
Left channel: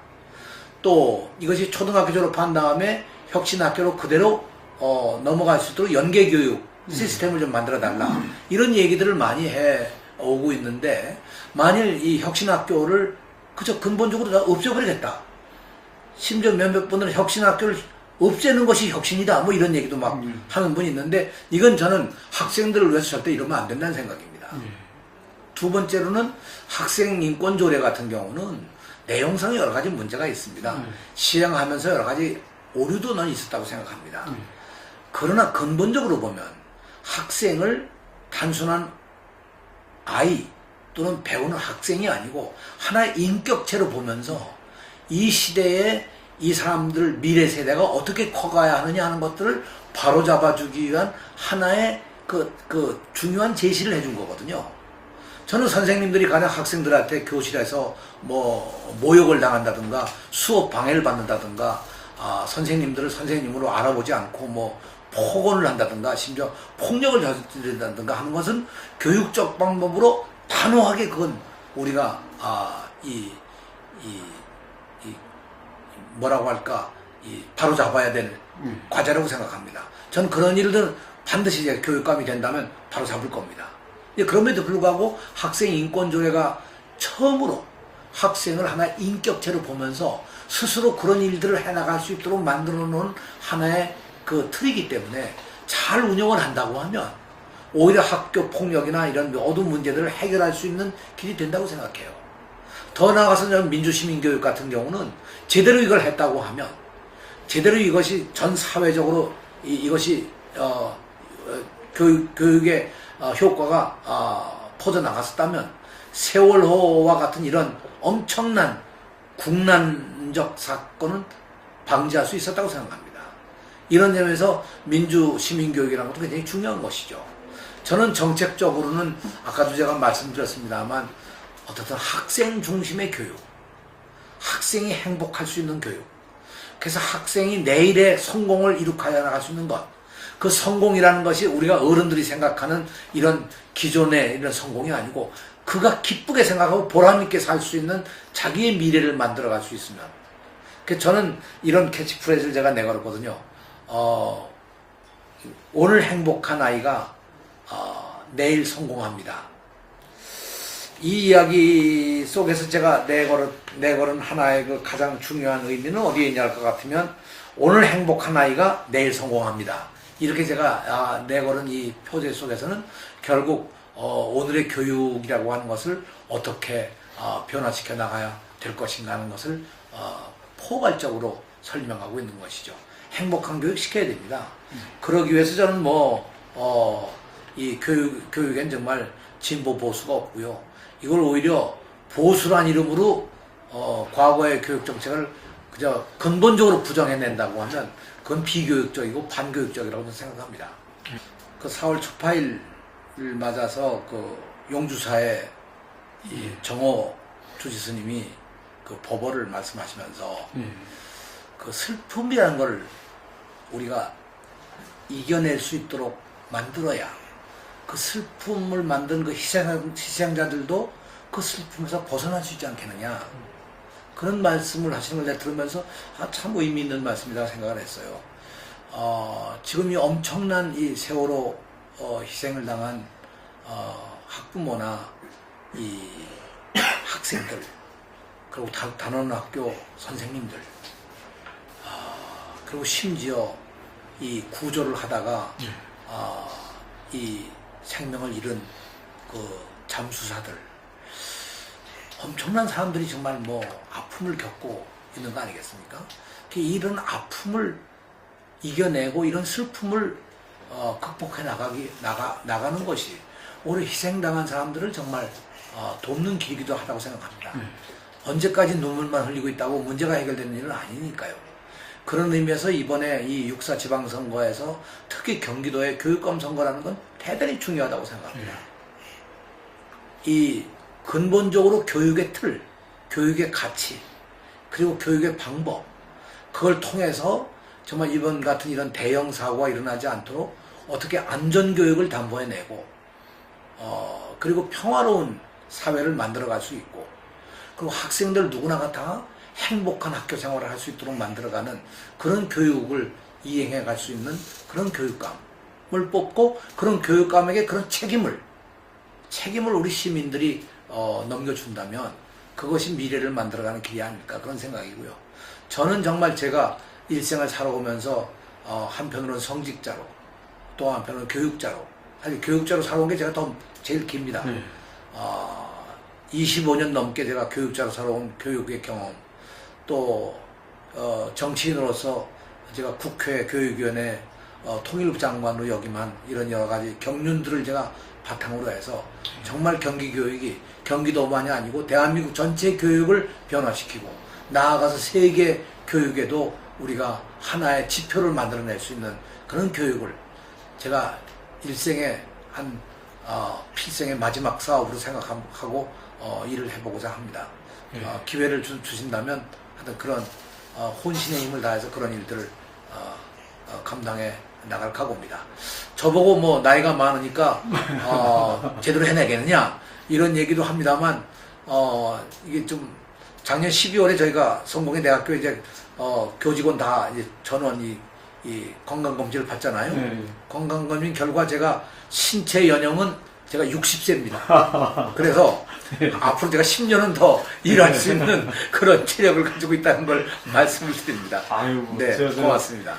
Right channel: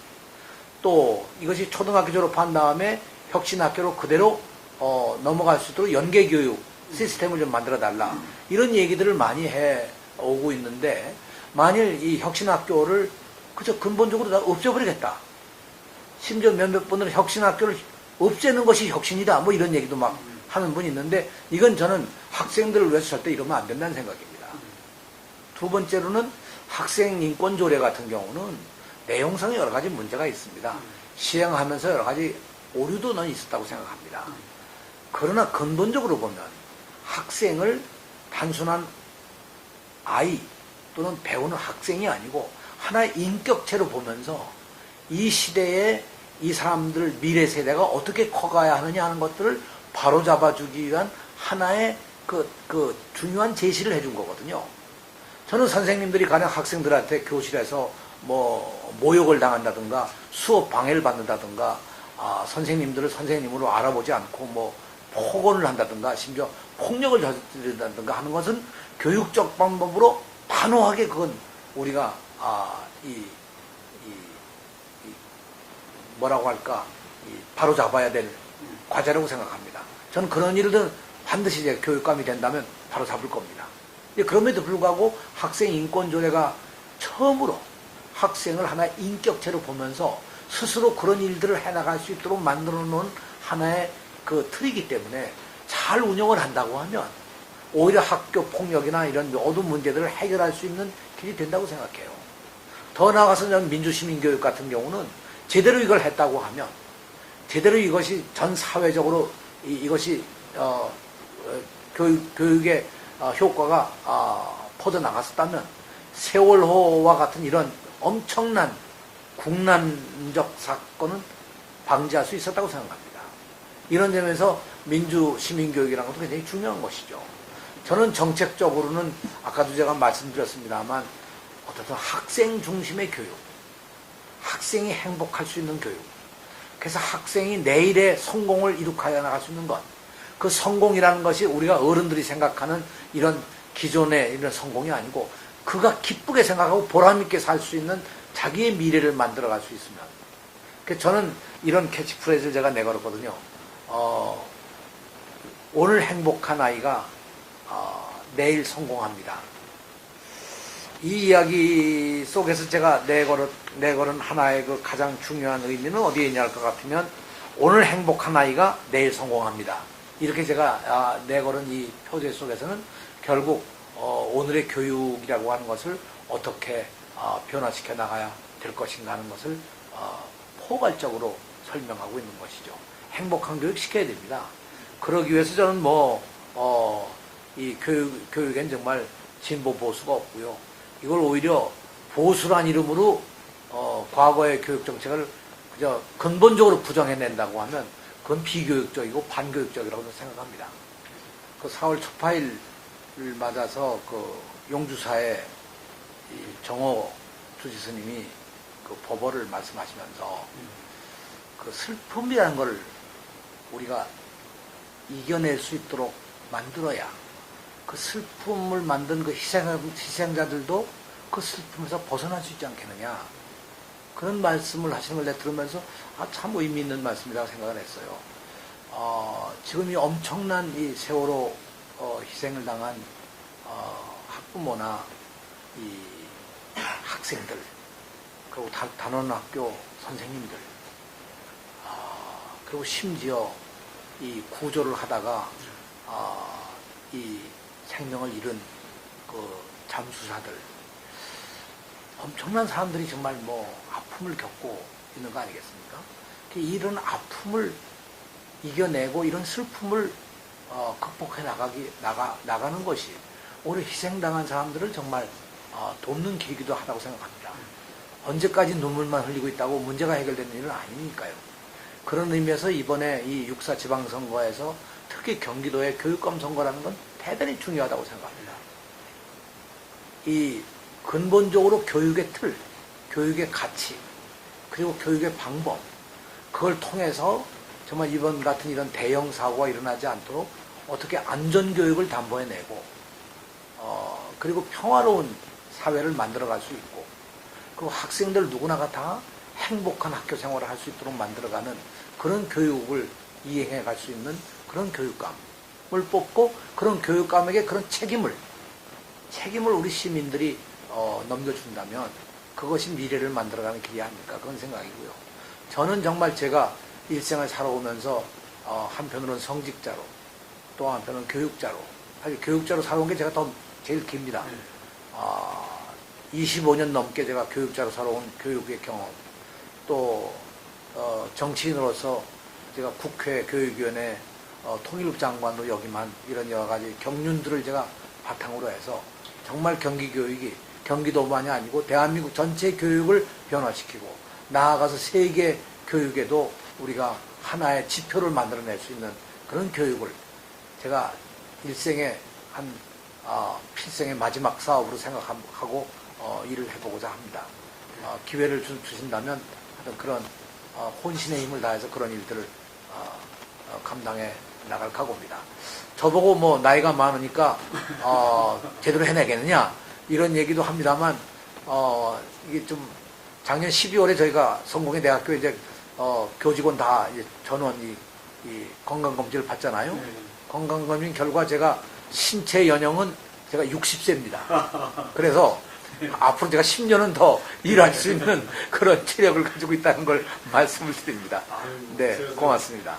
또 이것이 초등학교 졸업한 다음에 혁신학교로 그대로 넘어갈 수 있도록 연계교육 시스템을 좀 만들어달라. 이런 얘기들을 많이 해오고 있는데, 만일 이 혁신학교를 그저 근본적으로 다 없애버리겠다. 심지어 몇몇 분들은 혁신학교를 없애는 것이 혁신이다. 뭐 이런 얘기도 막 하는 분이 있는데, 이건 저는 학생들을 위해서 절대 이러면 안 된다는 생각입니다. 두 번째로는 학생 인권 조례 같은 경우는 내용상에 여러 가지 문제가 있습니다. 시행하면서 여러 가지 오류도 는 있었다고 생각합니다. 그러나 근본적으로 보면 학생을 단순한 아이 또는 배우는 학생이 아니고 하나의 인격체로 보면서 이 시대에 이 사람들 미래 세대가 어떻게 커가야 하느냐 하는 것들을 바로잡아주기 위한 하나의 그 중요한 제시를 해준 거거든요. 저는 선생님들이 가령 학생들한테 교실에서 뭐 모욕을 당한다든가 수업 방해를 받는다든가 선생님들을 선생님으로 알아보지 않고 뭐 폭언을 한다든가 심지어 폭력을 저지른다든가 하는 것은 교육적 방법으로 단호하게 그건 우리가 뭐라고 할까 바로 잡아야 될 과제라고 생각합니다. 저는 그런 일들은 반드시 이제 교육감이 된다면 바로 잡을 겁니다. 그럼에도 불구하고 학생 인권조례가 처음으로 학생을 하나의 인격체로 보면서 스스로 그런 일들을 해나갈 수 있도록 만들어 놓은 하나의 그 틀이기 때문에 잘 운영을 한다고 하면 오히려 학교 폭력이나 이런 모든 문제들을 해결할 수 있는 길이 된다고 생각해요. 더 나아가서 저는 민주시민교육 같은 경우는 제대로 이걸 했다고 하면 제대로 이것이 전 사회적으로 이것이 교육의 효과가 퍼져나갔었다면 세월호와 같은 이런 엄청난 국난적 사건은 방지할 수 있었다고 생각합니다. 이런 점에서 민주시민교육이라는 것도 굉장히 중요한 것이죠. 저는 정책적으로는 아까도 제가 말씀드렸습니다만 어떻든 학생 중심의 교육, 학생이 행복할 수 있는 교육, 그래서 학생이 내일의 성공을 이룩하여 나갈 수 있는 것, 그 성공이라는 것이 우리가 어른들이 생각하는 이런 기존의 이런 성공이 아니고 그가 기쁘게 생각하고 보람있게 살 수 있는 자기의 미래를 만들어갈 수 있으면, 그래서 저는 이런 캐치프레이즈를 제가 내걸었거든요. 오늘 행복한 아이가 내일 성공합니다. 이 이야기 속에서 제가 내걸은 하나의 그 가장 중요한 의미는 어디에 있냐 할 것 같으면 오늘 행복한 아이가 내일 성공합니다. 이렇게 제가 내걸은 이 표제 속에서는 결국 오늘의 교육이라고 하는 것을 어떻게 변화시켜 나가야 될 것인가 하는 것을 포괄적으로 설명하고 있는 것이죠. 행복한 교육 시켜야 됩니다. 그러기 위해서 저는 이 교육엔 정말 진보 보수가 없고요. 이걸 오히려 보수란 이름으로 과거의 교육 정책을 그저 근본적으로 부정해낸다고 하면 그건 비교육적이고 반교육적이라고 생각합니다. 그 4월 초파일을 맞아서 그 용주사의 이 정호 주지스님이 그 법어를 말씀하시면서 그 슬픔이라는 걸 우리가 이겨낼 수 있도록 만들어야 그 슬픔을 만든 그 희생자들도 그 슬픔에서 벗어날 수 있지 않겠느냐. 그런 말씀을 하시는 걸 내가 들으면서 참 의미 있는 말씀이라고 생각을 했어요. 지금 이 엄청난 이 세월호 희생을 당한 학부모나 이 학생들, 그리고 단원학교 선생님들, 그리고 심지어 이 구조를 하다가 이 생명을 잃은 그 잠수사들, 엄청난 사람들이 정말 아픔을 겪고 있는 거 아니겠습니까? 이런 아픔을 이겨내고 이런 슬픔을 극복해 나가는 것이 오히려 희생당한 사람들을 정말 돕는 길이기도 하다고 생각합니다. 언제까지 눈물만 흘리고 있다고 문제가 해결되는 일은 아니니까요. 그런 의미에서 이번에 이 6.4 지방선거에서 특히 경기도의 교육감 선거라는 건 대단히 중요하다고 생각합니다. 이 근본적으로 교육의 틀, 교육의 가치, 그리고 교육의 방법, 그걸 통해서 정말 이번 같은 이런 대형 사고가 일어나지 않도록 어떻게 안전교육을 담보해내고 그리고 평화로운 사회를 만들어갈 수 있고, 그리고 학생들 누구나가 다 행복한 학교 생활을 할 수 있도록 만들어가는 그런 교육을 이행해 갈 수 있는 그런 교육감을 뽑고, 그런 교육감에게 그런 책임을 우리 시민들이 넘겨준다면 그것이 미래를 만들어가는 길이 아닐까, 그런 생각이고요. 저는 정말 제가 일생을 살아오면서 한편으로는 성직자로, 또 한편으로는 교육자로, 사실 교육자로 살아온 게 제가 제일 깁니다. 25년 넘게 제가 교육자로 살아온 교육의 경험, 또 정치인으로서 제가 국회 교육위원회 통일부 장관으로 역임한 이런 여러 가지 경륜들을 제가 바탕으로 해서 정말 경기 교육이 경기도만이 아니고 대한민국 전체 교육을 변화시키고 나아가서 세계 교육에도 우리가 하나의 지표를 만들어낼 수 있는 그런 교육을 제가 일생의 필생의 마지막 사업으로 생각하고 일을 해보고자 합니다. 기회를 주신다면 하여튼 그런 혼신의 힘을 다해서 그런 일들을 감당해 나갈 각오입니다. 저보고 뭐 나이가 많으니까 제대로 해내겠느냐 이런 얘기도 합니다만 이게 좀 작년 12월에 저희가 성공회 대학교 이제 교직원 다 이제 전원 이 건강검진을 받잖아요. 건강검진 결과 제가 신체 연령은 제가 60세입니다. 그래서 앞으로 제가 10년은 더 일할 수 있는 그런 체력을 가지고 있다는 걸 말씀을 드립니다. 아유, 네, 고맙습니다.